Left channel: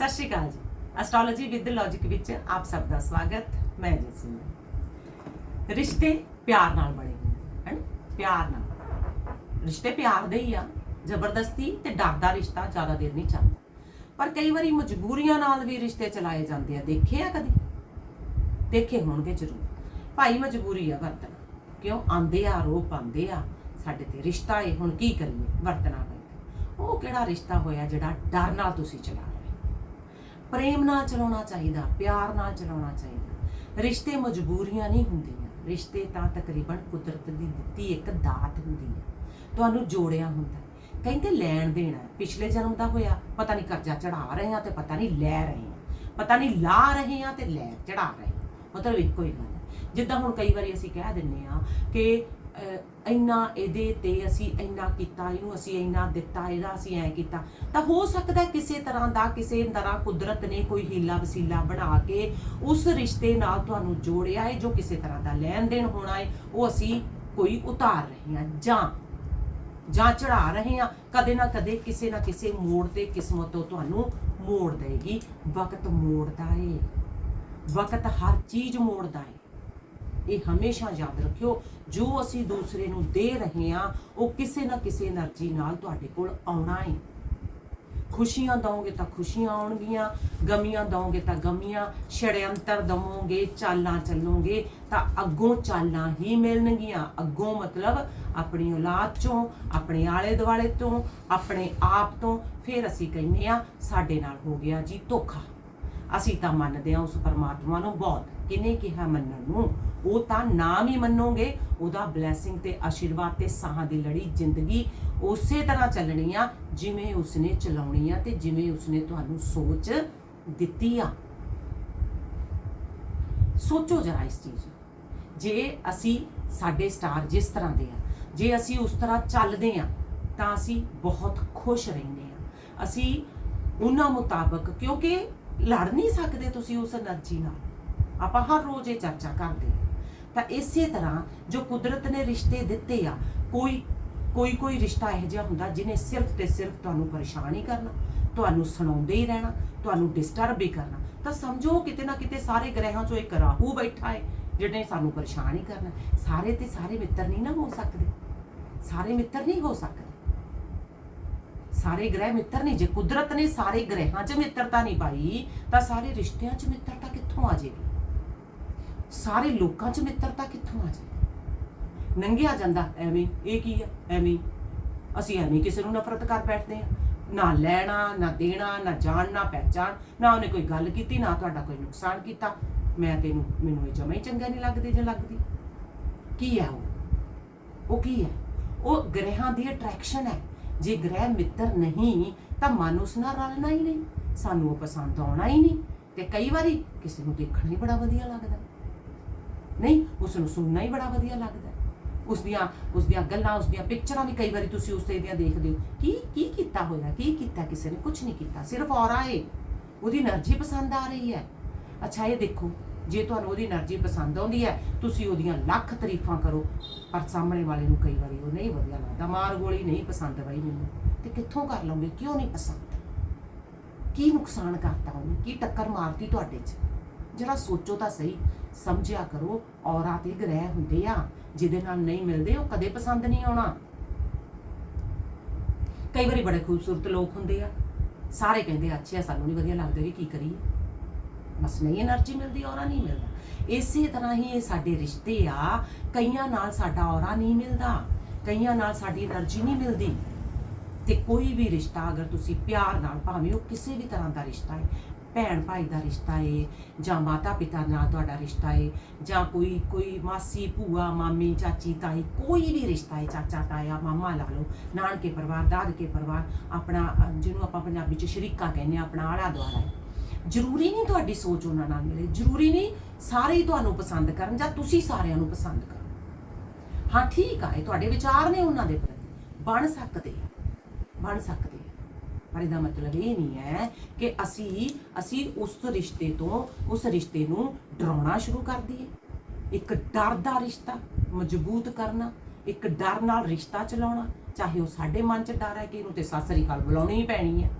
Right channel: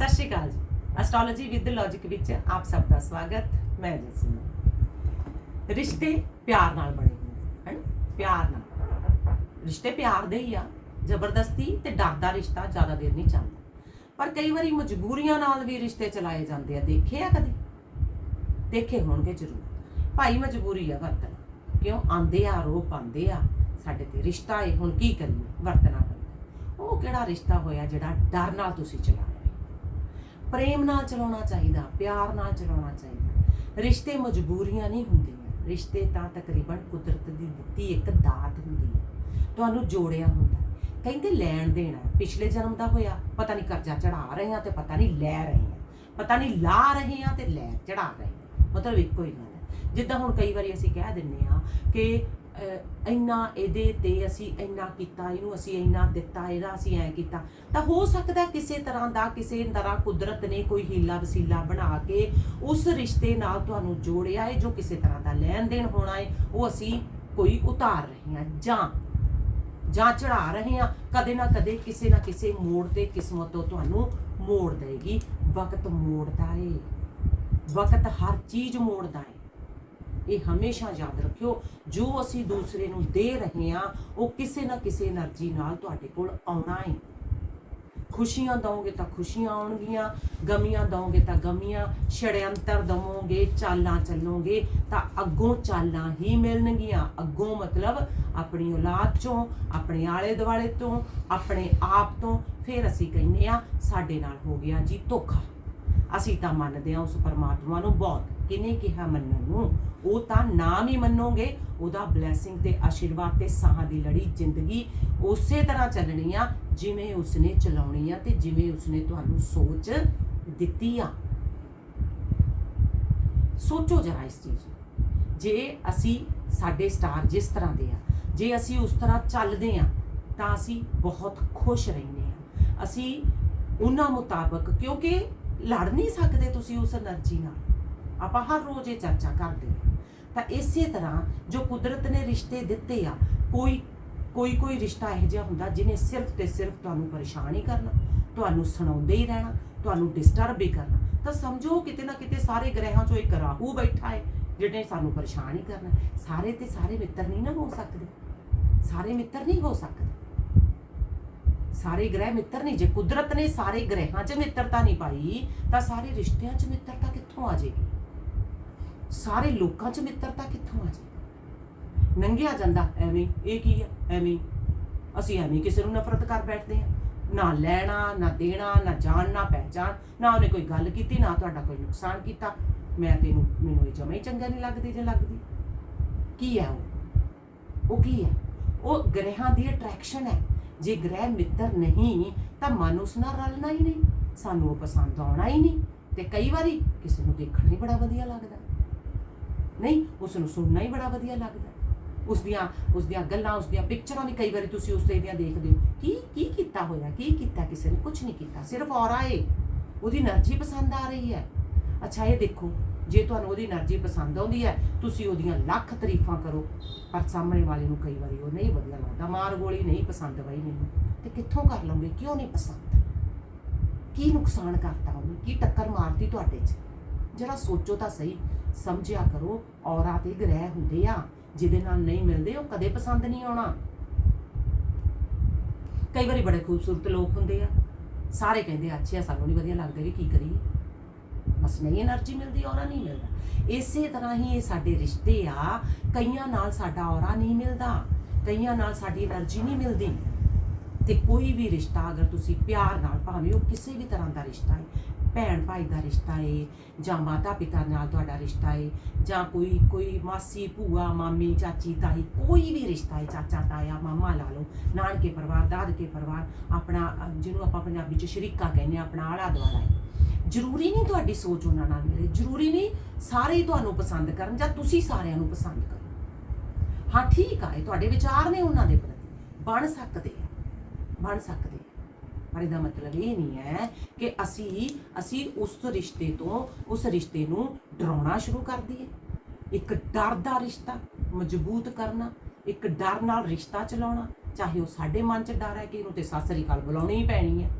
ਸਤਿ ਸ਼੍ਰੀ ਅਕਾਲ ਜੀ। Astrology with logic ਵਿੱਚ ਆਪ ਸਭ ਦਾ ਸਵਾਗਤ। ਮੈਂ ਜਸਮੀ ਰਿਸ਼ਤੇ ਪਿਆਰ ਨਾਲ ਬਣੇ ਹੁੰਦੇ ਹਨ ਪਿਆਰ ਨਾਲ। ਰਿਸ਼ਤੇ ਪਿਆਰ ਦੇ ਹੀ ਆ। ਜ਼ਬਰਦਸਤੀ ਤੇ ਡਰ ਦਾ ਰਿਸ਼ਤਾ ਜ਼ਿਆਦਾ ਦੇਰ ਨਹੀਂ ਚੱਲਦਾ। ਪਰ ਕਈ ਵਾਰੀ ਮਜਬੂਰੀਆਂ ਨਾਲ ਵੀ ਰਿਸ਼ਤੇ ਚਲਾਏ ਜਾਂਦੇ ਆ। ਦੇਖੇ ਆ ਕਦੇ? ਦੇਖੇ ਹੋਣਗੇ ਜ਼ਰੂਰ। ਭਾਈ, ਮਜਬੂਰੀ ਆ ਵਰਤਣਾ। ਕਿਉਂ? ਆਂਦੇ ਆ ਆਰੋਪ ਆਂਦੇ ਆ। ਸਾਡੇ ਤੇ ਰਿਸ਼ਤਾ ਏ, ਹੁਣ ਕੀ ਕਰੀਏ? ਵਰਤਣਾ ਪੈਂਦਾ। ਉਹ ਕਿਹੜਾ ਰਿਸ਼ਤਾ ਹੋਇਆ ਜਿਹੜਾ ਡਰ ਨਾਲ ਤੁਸੀਂ ਚਲਾ ਪ੍ਰੇਮ ਨਾਲ ਚਲਾਉਣਾ ਚਾਹੀਦਾ, ਪਿਆਰ ਨਾਲ ਚਲਾਉਣਾ ਚਾਹੀਦਾ। ਰਿਸ਼ਤੇ ਮਜਬੂਰੀਆਂ ਨਹੀਂ ਹੁੰਦੀਆਂ। ਰਿਸ਼ਤੇ ਤਾਂ ਤਕਰੀਬਨ ਕੁਦਰਤ ਦੀ ਦਿੱਤੀ ਇੱਕ ਦਾਤ ਹੁੰਦੀ ਹੈ। ਤੁਹਾਨੂੰ ਜੋੜਿਆ ਹੁੰਦਾ ਕਹਿੰਦੇ ਲੈਣ ਦੇਣਾ ਹੈ। ਪਿਛਲੇ ਜਨਮ ਦਾ ਹੋਇਆ। ਪਤਾ ਨਹੀਂ ਕਰਜ਼ਾ ਚੜਾ ਰਹੇ ਆ ਤੇ ਪਤਾ ਨਹੀਂ ਲੈ ਰਹੇ ਆ ਪਤਾ ਨਹੀਂ ਲਾ ਰਹੇ ਆ ਤੇ ਲੈ ਚੜਾ ਰਹੇ ਆ ਮਤਲਬ ਇੱਕੋ ਹੀ ਗੱਲ ਹੈ। ਜਿੱਦਾਂ ਹੁਣ ਕਈ ਵਾਰੀ ਅਸੀਂ ਕਹਿ ਦਿੰਨੇ ਆ ਕਿ ਇੰਨਾ ਇਹਦੇ ਤੇ ਅਸੀਂ ਇੰਨਾ ਕੀਤਾ, ਇਹਨੂੰ ਅਸੀਂ ਇੰਨਾ ਦਿੱਤਾ, ਇਹਦਾ ਅਸੀਂ ਐ ਕੀਤਾ। ਤਾਂ ਹੋ ਸਕਦਾ ਕਿਸੇ ਤਰ੍ਹਾਂ ਦਾ ਕਿਸੇ ਤਰ੍ਹਾਂ ਕੁਦਰਤ ਨੇ ਕੋਈ ਹੀਲਾ ਵਸੀਲਾ ਬਣਾ ਕੇ ਉਸ ਰਿਸ਼ਤੇ ਨਾਲ ਤੁਹਾਨੂੰ ਜੋੜਿਆ ਹੈ, ਜੋ ਕਿਸੇ ਤਰ੍ਹਾਂ ਦਾ ਲੈਣ ਦੇਣ ਹੋਣਾ ਹੈ, ਉਹ ਅਸੀਂ ਕੋਈ ਉਤਾਰ ਰਹੇ ਹਾਂ, ਜਾਂ ਜਾਂ ਚੜਾ ਰਹੇ ਹਾਂ, ਕਦੇ ਨਾ ਕਦੇ ਕਿਸੇ ਨਾ ਕਿਸੇ ਮੋੜ ਤੇ ਕਿਸਮਤ ਤੋਂ ਤੁਹਾਨੂੰ ਮੋੜ ਦੇਗੀ। ਵਕਤ ਮੋੜਦਾ ਏ। ਵਕਤ ਹਰ ਚੀਜ਼ ਮੋੜਦਾ ਏ। ਇਹ ਹਮੇਸ਼ਾ ਯਾਦ ਰੱਖਿਓ, ਜੋ ਅਸੀਂ ਦੂਸਰੇ ਨੂੰ ਦੇ ਰਹੇ ਹਾਂ, ਉਹ ਕਿਸੇ ਨਾ ਕਿਸੇ એનર્ਜੀ ਨਾਲ ਤੁਹਾਡੇ ਕੋਲ ਆਉਣਾ ਹੈ ਖੁਸ਼ੀਆਂ ਦਵੋਗੇ ਤਾਂ ਖੁਸ਼ੀਆਂ ਆਉਣਗੀਆਂ, ਗਮੀਆਂ ਦਵੋਗੇ ਤਾਂ ਗਮੀਆਂ ਛੜਿਅੰਤਰ ਦਵੋਗੇ, ਚਾਲਾਂ ਚੱਲੋਗੇ, ਤਾਂ ਅੱਗੋਂ ਚਾਲਾਂ ਹੀ ਮਿਲਣਗੀਆਂ। ਅੱਗੋਂ ਮਤਲਬ ਆਪਣੀ ਔਲਾਦ ਚੋਂ, ਆਪਣੇ ਆਲੇ ਦੁਆਲੇ ਤੋਂ, ਆਪਣੇ ਆਪ ਤੋਂ, ਫਿਰ ਅਸੀਂ ਕਹਿੰਦੇ ਆ ਸਾਡੇ ਨਾਲ ਹੋ ਗਿਆ ਜੀ ਧੋਖਾ। ਅਸੀਂ ਤਾਂ ਮੰਨਦੇ ਹਾਂ ਉਸ ਪਰਮਾਤਮਾ ਨੂੰ ਬਹੁਤ, ਕਿਨੇ ਕਿਹਾ ਮੰਨਣ ਨੂੰ? ਉਹ ਤਾਂ ਨਾਮ ਹੀ ਮੰਨੋਗੇ, ਉਹਦਾ ਬਲੇਸਿੰਗ ਤੇ ਆਸ਼ੀਰਵਾਦ ਤੇ ਸਾਹਾਂ ਦੀ ਲੜੀ ਜ਼ਿੰਦਗੀ ਉਸੇ ਤਰ੍ਹਾਂ ਚੱਲਣੀ ਆ, ਜਿਵੇਂ ਉਸਨੇ ਚਲਾਉਣੀ ਆ ਤੇ ਜਿਵੇਂ ਉਸਨੇ ਤੁਹਾਨੂੰ ਸੋਚ ਦਿੱਤੀ ਆ। ਸੋਚੋ ਜਰਾ ਇਸ ਚੀਜ਼ ਜੇ ਅਸੀਂ ਸਾਡੇ ਸਟਾਰ ਜਿਸ ਤਰ੍ਹਾਂ ਦੇ ਆ, ਜੇ ਅਸੀਂ ਉਸ ਤਰ੍ਹਾਂ ਚੱਲਦੇ ਆ, ਤਾਂ ਅਸੀਂ ਬਹੁਤ ਖੁਸ਼ ਰਹਿੰਦੇ ਆ। ਅਸੀਂ ਉਹਨਾਂ ਮੁਤਾਬਕ, ਕਿਉਂਕਿ ਲੜ ਨਹੀਂ ਸਕਦੇ ਤੁਸੀਂ ਉਸ એનર્ਜੀ ਨਾਲ। ਆਪਾਂ ਹਰ ਰੋਜ਼ ਇਹ ਚਰਚਾ ਕਰਦੇ ਹਾਂ। ਤਾਂ ਇਸੇ ਤਰ੍ਹਾਂ ਜੋ ਕੁਦਰਤ ਨੇ ਰਿਸ਼ਤੇ ਦਿੱਤੇ ਆ, ਕੋਈ ਕੋਈ ਕੋਈ ਰਿਸ਼ਤਾ ਇਹੋ ਜਿਹਾ ਹੁੰਦਾ ਜਿਹਨੇ ਸਿਰਫ ਤੇ ਸਿਰਫ ਤੁਹਾਨੂੰ ਪਰੇਸ਼ਾਨ ਹੀ ਕਰਨਾ, ਤੁਹਾਨੂੰ ਸੁਣਾਉਂਦੇ ਹੀ ਰਹਿਣਾ, ਤੁਹਾਨੂੰ ਡਿਸਟਰਬ ਹੀ ਕਰਨਾ। ਤਾਂ ਸਮਝੋ ਕਿਤੇ ਨਾ ਕਿਤੇ ਸਾਰੇ ਗ੍ਰਹਿਾਂ 'ਚੋਂ ਇੱਕ ਰਾਹੂ ਬੈਠਾ ਹੈ, ਜਿਹਨੇ ਸਾਨੂੰ ਪਰੇਸ਼ਾਨ ਹੀ ਕਰਨਾ। ਸਾਰੇ ਤੇ ਸਾਰੇ ਮਿੱਤਰ ਨਹੀਂ ਨਾ ਹੋ ਸਕਦੇ। ਸਾਰੇ ਮਿੱਤਰ ਨਹੀਂ ਹੋ ਸਕਦੇ। ਸਾਰੇ ਗ੍ਰਹਿ ਮਿੱਤਰ ਨਹੀਂ ਜੇ ਕੁਦਰਤ ਨੇ ਸਾਰੇ ਗ੍ਰਹਿਾਂ 'ਚ ਮਿੱਤਰਤਾ ਨਹੀਂ ਪਾਈ, ਤਾਂ ਸਾਰੇ ਰਿਸ਼ਤਿਆਂ 'ਚ ਮਿੱਤਰਤਾ ਕਿੱਥੋਂ ਆ ਜਾਏਗੀ? ਸਾਰੇ ਲੋਕਾਂ 'ਚ ਮਿੱਤਰਤਾ ਕਿੱਥੋਂ ਆ ਜਾਏਗੀ? ਨੰਗਿਆ ਜਾਂਦਾ, ਐਵੇਂ, ਇਹ ਕੀ ਹੈ? ਐਵੇਂ, ਅਸੀਂ ਐਵੇਂ ਕਿਸੇ ਨੂੰ ਨਫ਼ਰਤ ਕਰ ਬੈਠਦੇ ਹਾਂ। ਨਾ ਲੈਣਾ, ਨਾ ਦੇਣਾ, ਨਾ ਜਾਣ, ਨਾ ਪਹਿਚਾਨ ਨਾ ਉਹਨੇ ਕੋਈ ਗੱਲ ਕੀਤੀ, ਨਾ ਤੁਹਾਡਾ ਕੋਈ ਨੁਕਸਾਨ ਕੀਤਾ। ਮੈਂ ਤੈਨੂੰ ਮੈਨੂੰ ਇਹ ਜਮਾ ਹੀ ਚੰਗਾ ਨਹੀਂ ਲੱਗਦੀ ਜੇ ਲੱਗਦੀ। ਕੀ ਹੈ ਉਹ? ਉਹ ਕੀ ਹੈ? ਉਹ ਗ੍ਰਹਿਾਂ ਦੀ ਅਟਰੈਕਸ਼ਨ ਹੈ। ਜੇ ਗ੍ਰਹਿ ਮਿੱਤਰ ਨਹੀਂ, ਤਾਂ ਮਨ ਉਸ ਨਾਲ ਰਲਣਾ ਹੀ ਨਹੀਂ। ਸਾਨੂੰ ਉਹ ਪਸੰਦ ਆਉਣਾ ਹੀ ਨਹੀਂ। ਤੇ ਕਈ ਵਾਰੀ ਕਿਸੇ ਨੂੰ ਦੇਖਣਾ ਹੀ ਬੜਾ ਵਧੀਆ ਲੱਗਦਾ। ਨਹੀਂ, ਉਸ ਨੂੰ ਸੁਣਨਾ ਹੀ ਬੜਾ ਵਧੀਆ ਲੱਗਦਾ। ਉਸ ਦੀਆਂ ਉਸ ਦੀਆਂ ਗੱਲਾਂ, ਉਸ ਦੀਆਂ ਪਿਕਚਰਾਂ ਵੀ ਕਈ ਵਾਰੀ ਤੁਸੀਂ ਉਸ ਤੇ ਦੀਆਂ ਦੇਖਦੇ ਹੋ। ਕੀ ਕੀ ਕੀਤਾ ਹੋਇਆ, ਕੀ ਕੀਤਾ ਕਿਸੇ ਨੇ? ਕੁਝ ਨਹੀਂ ਕੀਤਾ, ਸਿਰਫ ਔਰਾ ਏ। ਉਹਦੀ એનર્ਜੀ ਪਸੰਦ ਆ ਰਹੀ ਹੈ। ਅੱਛਾ, ਇਹ ਦੇਖੋ ਜੇ ਤੁਹਾਨੂੰ ਉਹਦੀ એનર્ਜੀ ਪਸੰਦ ਆਉਂਦੀ ਹੈ, ਤੁਸੀਂ ਉਹਦੀਆਂ ਲੱਖ ਤਾਰੀਫਾਂ ਕਰੋ, ਪਰ ਸਾਹਮਣੇ ਵਾਲੇ ਨੂੰ ਕਈ ਵਾਰੀ ਉਹ ਨਹੀਂ ਵਧੀਆ ਲੱਗਦਾ। ਮਾਰ ਗੋਲੀ ਨਹੀਂ ਪਸੰਦ ਬਾਈ ਮੈਨੂੰ। ਤੇ ਕਿੱਥੋਂ ਕਰ ਲਓਗੇ? ਕਿਉਂ ਨਹੀਂ ਪਸੰਦ? ਕੀ ਨੁਕਸਾਨ ਕਰਤਾ ਉਹਨੂੰ? ਕੀ ਟੱਕਰ ਮਾਰਤੀ ਤੁਹਾਡੇ 'ਚ? ਜਿਹੜਾ ਸੋਚੋ ਤਾਂ ਸਹੀ। ਸਮਝਿਆ ਕਰੋ, ਔਰਾ ਤੇ ਗ੍ਰਹਿ ਹੁੰਦੇ ਆ। ਜਿਹਦੇ ਨਾਲ ਨਹੀਂ ਮਿਲਦੇ, ਉਹ ਕਦੇ ਪਸੰਦ ਨਹੀਂ ਆਉਣਾ। ਕਈ ਵਾਰੀ ਬੜੇ ਖੂਬਸੂਰਤ ਲੋਕ ਹੁੰਦੇ ਆ। ਸਾਰੇ ਕਹਿੰਦੇ, ਅੱਛੇ ਆ ਸਾਨੂੰ ਨਹੀਂ ਵਧੀਆ ਲੱਗਦੇ ਵੀ ਕੀ ਕਰੀਏ। ਬਸ ਨਹੀਂ એનર્ਜੀ ਮਿਲਦੀ ਔਰਾ ਨਹੀਂ ਮਿਲਦਾ। ਇਸੇ ਤਰ੍ਹਾਂ ਹੀ ਇਹ ਸਾਡੇ ਰਿਸ਼ਤੇ ਆ, ਕਈਆਂ ਨਾਲ ਸਾਡਾ ਔਰਾ ਨਹੀਂ ਮਿਲਦਾ, ਕਈਆਂ ਨਾਲ ਸਾਡੀ એનર્ਜੀ ਨਹੀਂ ਮਿਲਦੀ। ਤੇ ਕੋਈ ਵੀ ਰਿਸ਼ਤਾ ਅਗਰ ਤੁਸੀਂ ਪਿਆਰ ਨਾਲ, ਭਾਵੇਂ ਉਹ ਕਿਸੇ ਵੀ ਤਰ੍ਹਾਂ ਦਾ ਰਿਸ਼ਤਾ ਹੈ, ਭੈਣ ਭਾਈ ਦਾ ਰਿਸ਼ਤਾ ਏ ਜਾਂ ਮਾਤਾ ਪਿਤਾ ਨਾਲ ਤੁਹਾਡਾ ਰਿਸ਼ਤਾ ਏ ਜਾਂ ਕੋਈ ਕੋਈ ਮਾਸੀ, ਭੂਆ, ਮਾਮੀ, ਚਾਚੀ, ਤਾਈ, ਕੋਈ ਵੀ ਰਿਸ਼ਤਾ ਹੈ, ਚਾਚਾ, ਤਾਇਆ, ਮਾਮਾ ਲਾ ਲਓ, ਨਾਨਕੇ ਪਰਿਵਾਰ, ਦਾਦਕੇ ਪਰਿਵਾਰ, ਆਪਣਾ, ਜਿਹਨੂੰ ਆਪਾਂ ਪੰਜਾਬੀ ਚ ਸ਼ਰੀਕਾ ਕਹਿੰਦੇ ਆ ਆਪਣਾ ਆਲਾ ਦੁਆਲਾ ਹੈ। ਜ਼ਰੂਰੀ ਨਹੀਂ ਤੁਹਾਡੀ ਸੋਚ ਉਹਨਾਂ ਨਾਲ ਮਿਲੇ। ਜ਼ਰੂਰੀ ਨਹੀਂ ਸਾਰੇ ਹੀ ਤੁਹਾਨੂੰ ਪਸੰਦ ਕਰਨ ਜਾਂ ਤੁਸੀਂ ਸਾਰਿਆਂ ਨੂੰ ਪਸੰਦ ਕਰੋ। ਹਾਂ, ਠੀਕ ਆ, ਇਹ ਤੁਹਾਡੇ ਵਿਚਾਰ ਨੇ ਉਹਨਾਂ ਦੇ ਪ੍ਰਤੀ। ਬਣ ਸਕਦੇ ਆ। ਬਣ ਸਕਦੇ ਆ। ਪਰ ਇਹਦਾ ਮਤਲਬ ਇਹ ਨਹੀਂ ਹੈ ਕਿ ਅਸੀਂ ਅਸੀਂ ਉਸ ਰਿਸ਼ਤੇ ਤੋਂ, ਉਸ ਰਿਸ਼ਤੇ ਨੂੰ ਡਰਾਉਣਾ ਸ਼ੁਰੂ ਕਰ ਦਈਏ। ਇੱਕ ਡਰ ਦਾ ਰਿਸ਼ਤਾ ਮਜ਼ਬੂਤ ਕਰਨਾ, ਇੱਕ ਡਰ ਨਾਲ ਰਿਸ਼ਤਾ ਚਲਾਉਣਾ, ਚਾਹੇ ਉਹ ਸਾਡੇ ਮਨ 'ਚ ਡਰ ਹੈ ਕਿ ਇਹਨੂੰ ਤੇ ਸ੍ਰੀ ਅਕਾਲ ਬੁਲਾਉਣੀ ਹੀ ਪੈਣੀ ਹੈ।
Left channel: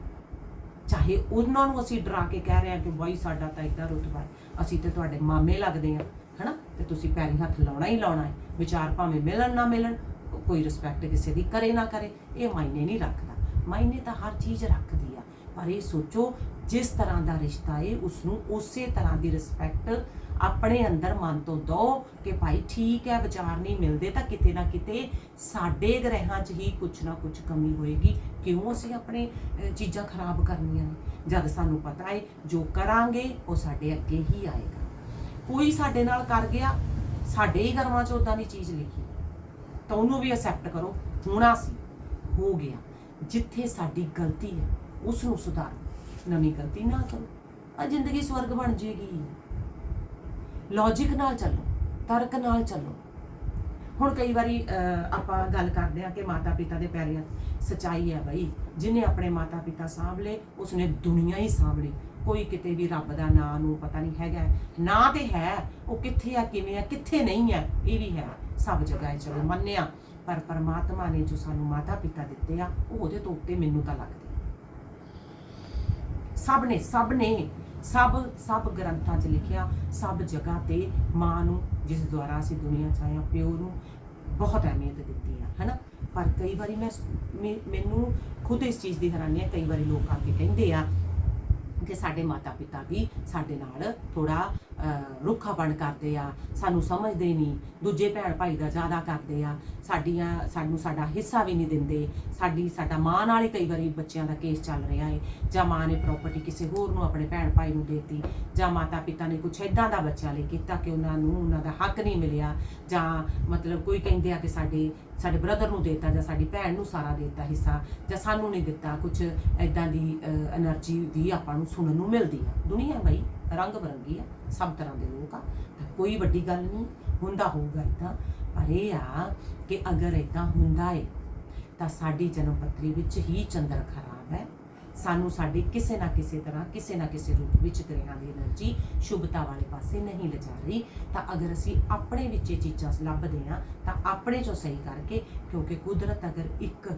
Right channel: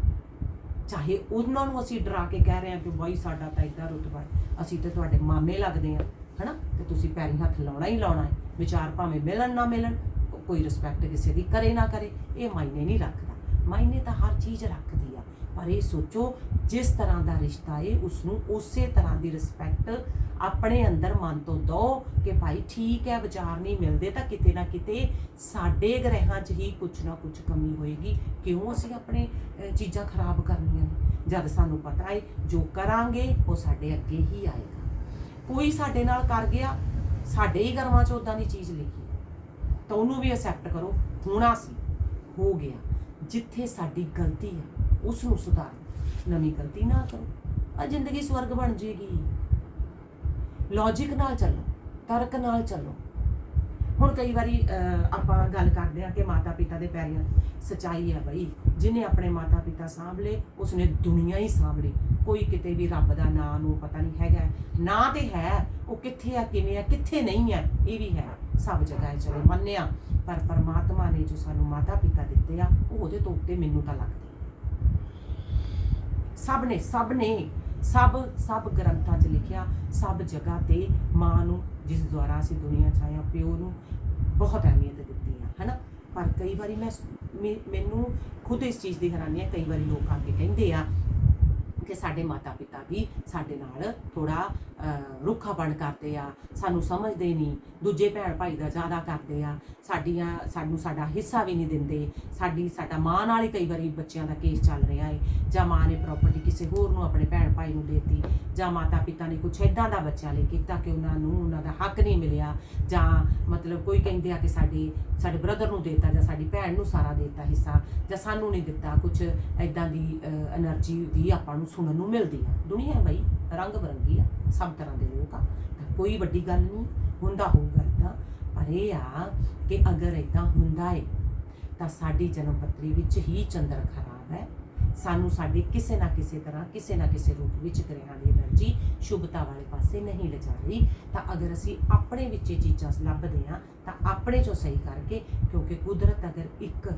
ਚਾਹੇ ਉਹਨਾਂ ਨੂੰ ਅਸੀਂ ਡਰਾ ਕੇ ਕਹਿ ਰਹੇ ਹਾਂ ਕਿ ਬਾਈ ਸਾਡਾ ਤਾਂ ਇਦਾਂ ਰੁਤਬਾ ਹੈ, ਅਸੀਂ ਤੇ ਤੁਹਾਡੇ ਮਾਮੇ ਲੱਗਦੇ ਆ ਹਨਾ? ਤੇ ਤੁਸੀਂ ਪੈਰੀ ਹੱਥ ਲਾਉਣਾ ਹੀ ਲਾਉਣਾ ਹੈ। ਵਿਚਾਰ ਭਾਵੇਂ ਮਿਲਣ ਨਾ ਮਿਲਣ ਕੋਈ ਰਿਸਪੈਕਟ ਕਿਸੇ ਦੀ ਕਰੇ ਨਾ ਕਰੇ, ਇਹ ਮਾਇਨੇ ਨਹੀਂ ਰੱਖਦਾ। ਮਾਇਨੇ ਤਾਂ ਹਰ ਚੀਜ਼ ਰੱਖਦੀ ਆ। ਪਰ ਇਹ ਸੋਚੋ, ਜਿਸ ਤਰ੍ਹਾਂ ਦਾ ਰਿਸ਼ਤਾ ਏ ਉਸ ਨੂੰ ਉਸੇ ਤਰ੍ਹਾਂ ਦੀ ਰਿਸਪੈਕਟ ਆਪਣੇ ਅੰਦਰ ਮਨ ਤੋਂ ਦੋ ਕਿ ਭਾਈ ਠੀਕ ਹੈ, ਵਿਚਾਰ ਨਹੀਂ ਮਿਲਦੇ, ਤਾਂ ਕਿਤੇ ਨਾ ਕਿਤੇ ਸਾਡੇ ਗ੍ਰਹਿਾਂ 'ਚ ਹੀ ਕੁਝ ਨਾ ਕੁਝ ਕਮੀ ਹੋਏਗੀ। ਕਿਉਂ ਅਸੀਂ ਆਪਣੇ ਚੀਜ਼ਾਂ ਖਰਾਬ ਕਰਨੀਆਂ ਨੇ? ਜਦ ਸਾਨੂੰ ਪਤਾ ਹੈ ਜੋ ਕਰਾਂਗੇ, ਉਹ ਸਾਡੇ ਅੱਗੇ ਹੀ ਆਏਗਾ। ਕੋਈ ਸਾਡੇ ਨਾਲ ਕਰ ਗਿਆ, ਸਾਡੇ ਹੀ ਕਰਮਾਂ 'ਚ ਉਦਾਂ ਦੀ ਚੀਜ਼ ਲਿਖੀ। ਤਾਂ ਉਹਨੂੰ ਵੀ ਅਸੈਪਟ ਕਰੋ, ਹੋਣਾ ਸੀ, ਹੋ ਗਿਆ। ਜਿੱਥੇ ਸਾਡੀ ਗਲਤੀ ਹੈ ਉਸ ਨੂੰ ਸੁਧਾਰੋ। ਨਵੀਂ ਗਲਤੀ ਨਾ ਕਰੋ। ਆ ਜ਼ਿੰਦਗੀ ਸਵਰਗ ਬਣ ਜੇਗੀ। ਲੌਜੀਕ ਨਾਲ ਚੱਲੋ ਤਰਕ ਨਾਲ ਚੱਲੋ। ਹੁਣ ਕਈ ਵਾਰੀ ਅਹ, ਆਪਾਂ ਗੱਲ ਕਰਦੇ ਆ ਕਿ ਮਾਤਾ ਪਿਤਾ ਦੇ ਪੈਰੀਂ ਸਚਾਈ ਹੈ ਬਈ ਜਿਹਨੇ ਆਪਣੇ ਮਾਤਾ ਪਿਤਾ ਸਾਂਭ ਉਸਨੇ ਦੁਨੀਆ ਹੀ ਸਾਂਭ ਕੋਈ ਕਿਤੇ ਵੀ ਰੱਬ ਦਾ ਨਾਂ ਨੂੰ ਪਤਾ ਨਹੀਂ ਹੈਗਾ। ਨਾਂ ਤੇ ਹੈ ਉਹ ਕਿੱਥੇ ਆ ਕਿਵੇਂ ਆ ਕਿੱਥੇ ਨਹੀਂ ਹੈ ਇਹ ਵੀ ਹੈ। ਸਭ ਜਗ੍ਹਾ ਹੈ ਚਲੋ ਮੰਨਿਆ। ਪਰ ਪਰਮਾਤਮਾ ਨੇ ਜੋ ਸਾਨੂੰ ਮਾਤਾ ਪਿਤਾ ਦਿੱਤੇ ਆ ਉਹ ਉਹਦੇ ਤੋਂ ਉੱਤੇ ਮੈਨੂੰ ਤਾਂ ਲੱਗਦੇ। ਸਭ ਨੇ ਸਭ ਨੇ ਸਭ ਸਭ ਗ੍ਰੰਥਾਂ 'ਚ ਲਿਖਿਆ, ਸਭ ਜਗ੍ਹਾ ਤੇ ਮਾਂ ਨੂੰ, ਜਿਸ ਦੁਆਰਾ ਅਸੀਂ ਦੁਨੀਆ 'ਚ ਆਏ ਹਾਂ, ਪਿਓ ਨੂੰ ਬਹੁਤ ਅਹਿਮੀਅਤ ਦਿੱਤੀ ਆ, ਹਨਾ? ਪਰ ਕਈ ਵਾਰੀ ਮੈਂ ਮੈਨੂੰ ਖੁਦ ਇਸ ਚੀਜ਼ ਦੀ ਹੈਰਾਨੀ ਹੈ, ਕਈ ਵਾਰੀ ਲੋਕ ਆ ਕੇ ਕਹਿੰਦੇ ਆ ਕਿ ਸਾਡੇ ਮਾਤਾ ਪਿਤਾ ਵੀ ਸਾਡੇ ਨਾਲ ਥੋੜਾ ਰੁੱਖਾਪਣ ਕਰਦੇ ਆ, ਸਾਨੂੰ ਸਮਝਦੇ ਨਹੀਂ, ਦੂਜੇ ਭੈਣ ਭਾਈ ਦਾ ਜ਼ਿਆਦਾ ਕਰਦੇ ਆ, ਸਾਡੀਆਂ, ਸਾਨੂੰ ਸਾਡਾ ਹਿੱਸਾ ਵੀ ਨਹੀਂ ਦਿੰਦੇ, ਸਾਡੀ, ਸਾਡਾ ਮਾਂ ਨਾਲ ਹੀ ਕਈ ਵਾਰੀ ਬੱਚਿਆਂ ਦਾ ਕੇਸ ਚੱਲ ਰਿਹਾ ਏ, ਜਾਂ ਮਾਂ ਨੇ ਪ੍ਰਾਪਰਟੀ ਕਿਸੇ ਹੋਰ ਨੂੰ ਆਪਣੇ ਭੈਣ ਭਾਈ ਨੂੰ ਦੇਤੀ, ਜਾਂ ਮਾਤਾ ਪਿਤਾ ਨੇ ਕੁਛ ਇਦਾਂ ਦਾ ਬੱਚਿਆਂ ਲਈ ਕੀਤਾ ਕਿ ਉਹਨਾਂ ਨੂੰ, ਉਹਨਾਂ ਦਾ ਹੱਕ ਨਹੀਂ ਮਿਲਿਆ, ਜਾਂ ਮਤਲਬ ਕੋਈ ਕਹਿੰਦੇ ਆ ਕਿ ਸਾਡੇ ਸਾਡੇ ਬ੍ਰਦਰ ਨੂੰ ਦੇਤਾ ਜਾਂ ਸਾਡੀ ਭੈਣ ਨੂੰ ਸਾਰਾ ਦੇਤਾ ਹਿੱਸਾ, ਜਾਂ ਸਾਨੂੰ ਨਹੀਂ ਦਿੱਤਾ, ਕੁਛ ਇਦਾਂ ਦੀ એનર્ਜੀ ਦੀ ਆਪਾਂ ਨੂੰ ਸੁਣਨ ਨੂੰ ਮਿਲਦੀ ਆ। ਦੁਨੀਆ ਬਈ। ਰੰਗ ਬਰੰਗੀ ਆ, ਸਭ ਤਰ੍ਹਾਂ ਦੇ ਲੋਕ ਆ। ਤਾਂ ਕੋਈ ਵੱਡੀ ਗੱਲ ਨਹੀਂ, ਹੁੰਦਾ ਹੋਊਗਾ ਇਦਾਂ ਪਰ ਇਹ ਆ ਕਿ ਅਗਰ ਇਦਾਂ ਹੁੰਦਾ ਏ, ਤਾਂ ਸਾਡੀ ਜਨਮ ਪੱਤਰੀ ਵਿੱਚ ਹੀ ਚੰਦਰ ਖਰਾਬ ਹੈ। ਸਾਨੂੰ ਸਾਡੇ ਕਿਸੇ ਨਾ ਕਿਸੇ ਤਰ੍ਹਾਂ, ਕਿਸੇ ਨਾ ਕਿਸੇ ਰੂਪ ਵਿੱਚ ਗ੍ਰਹਿਾਂ ਦੀ એનર્ਜੀ ਸ਼ੁਭਤਾ ਵਾਲੇ ਪਾਸੇ ਨਹੀਂ ਲਿਜਾ ਰਹੀ। ਤਾਂ ਅਗਰ ਅਸੀਂ ਆਪਣੇ ਵਿੱਚ ਇਹ ਚੀਜ਼ਾਂ ਲੱਭਦੇ ਆ ਤਾਂ ਆਪਣੇ ਚੋਂ ਸਹੀ ਕਰਕੇ, ਕਿਉਂਕਿ ਕੁਦਰਤ ਅਗਰ ਇੱਕ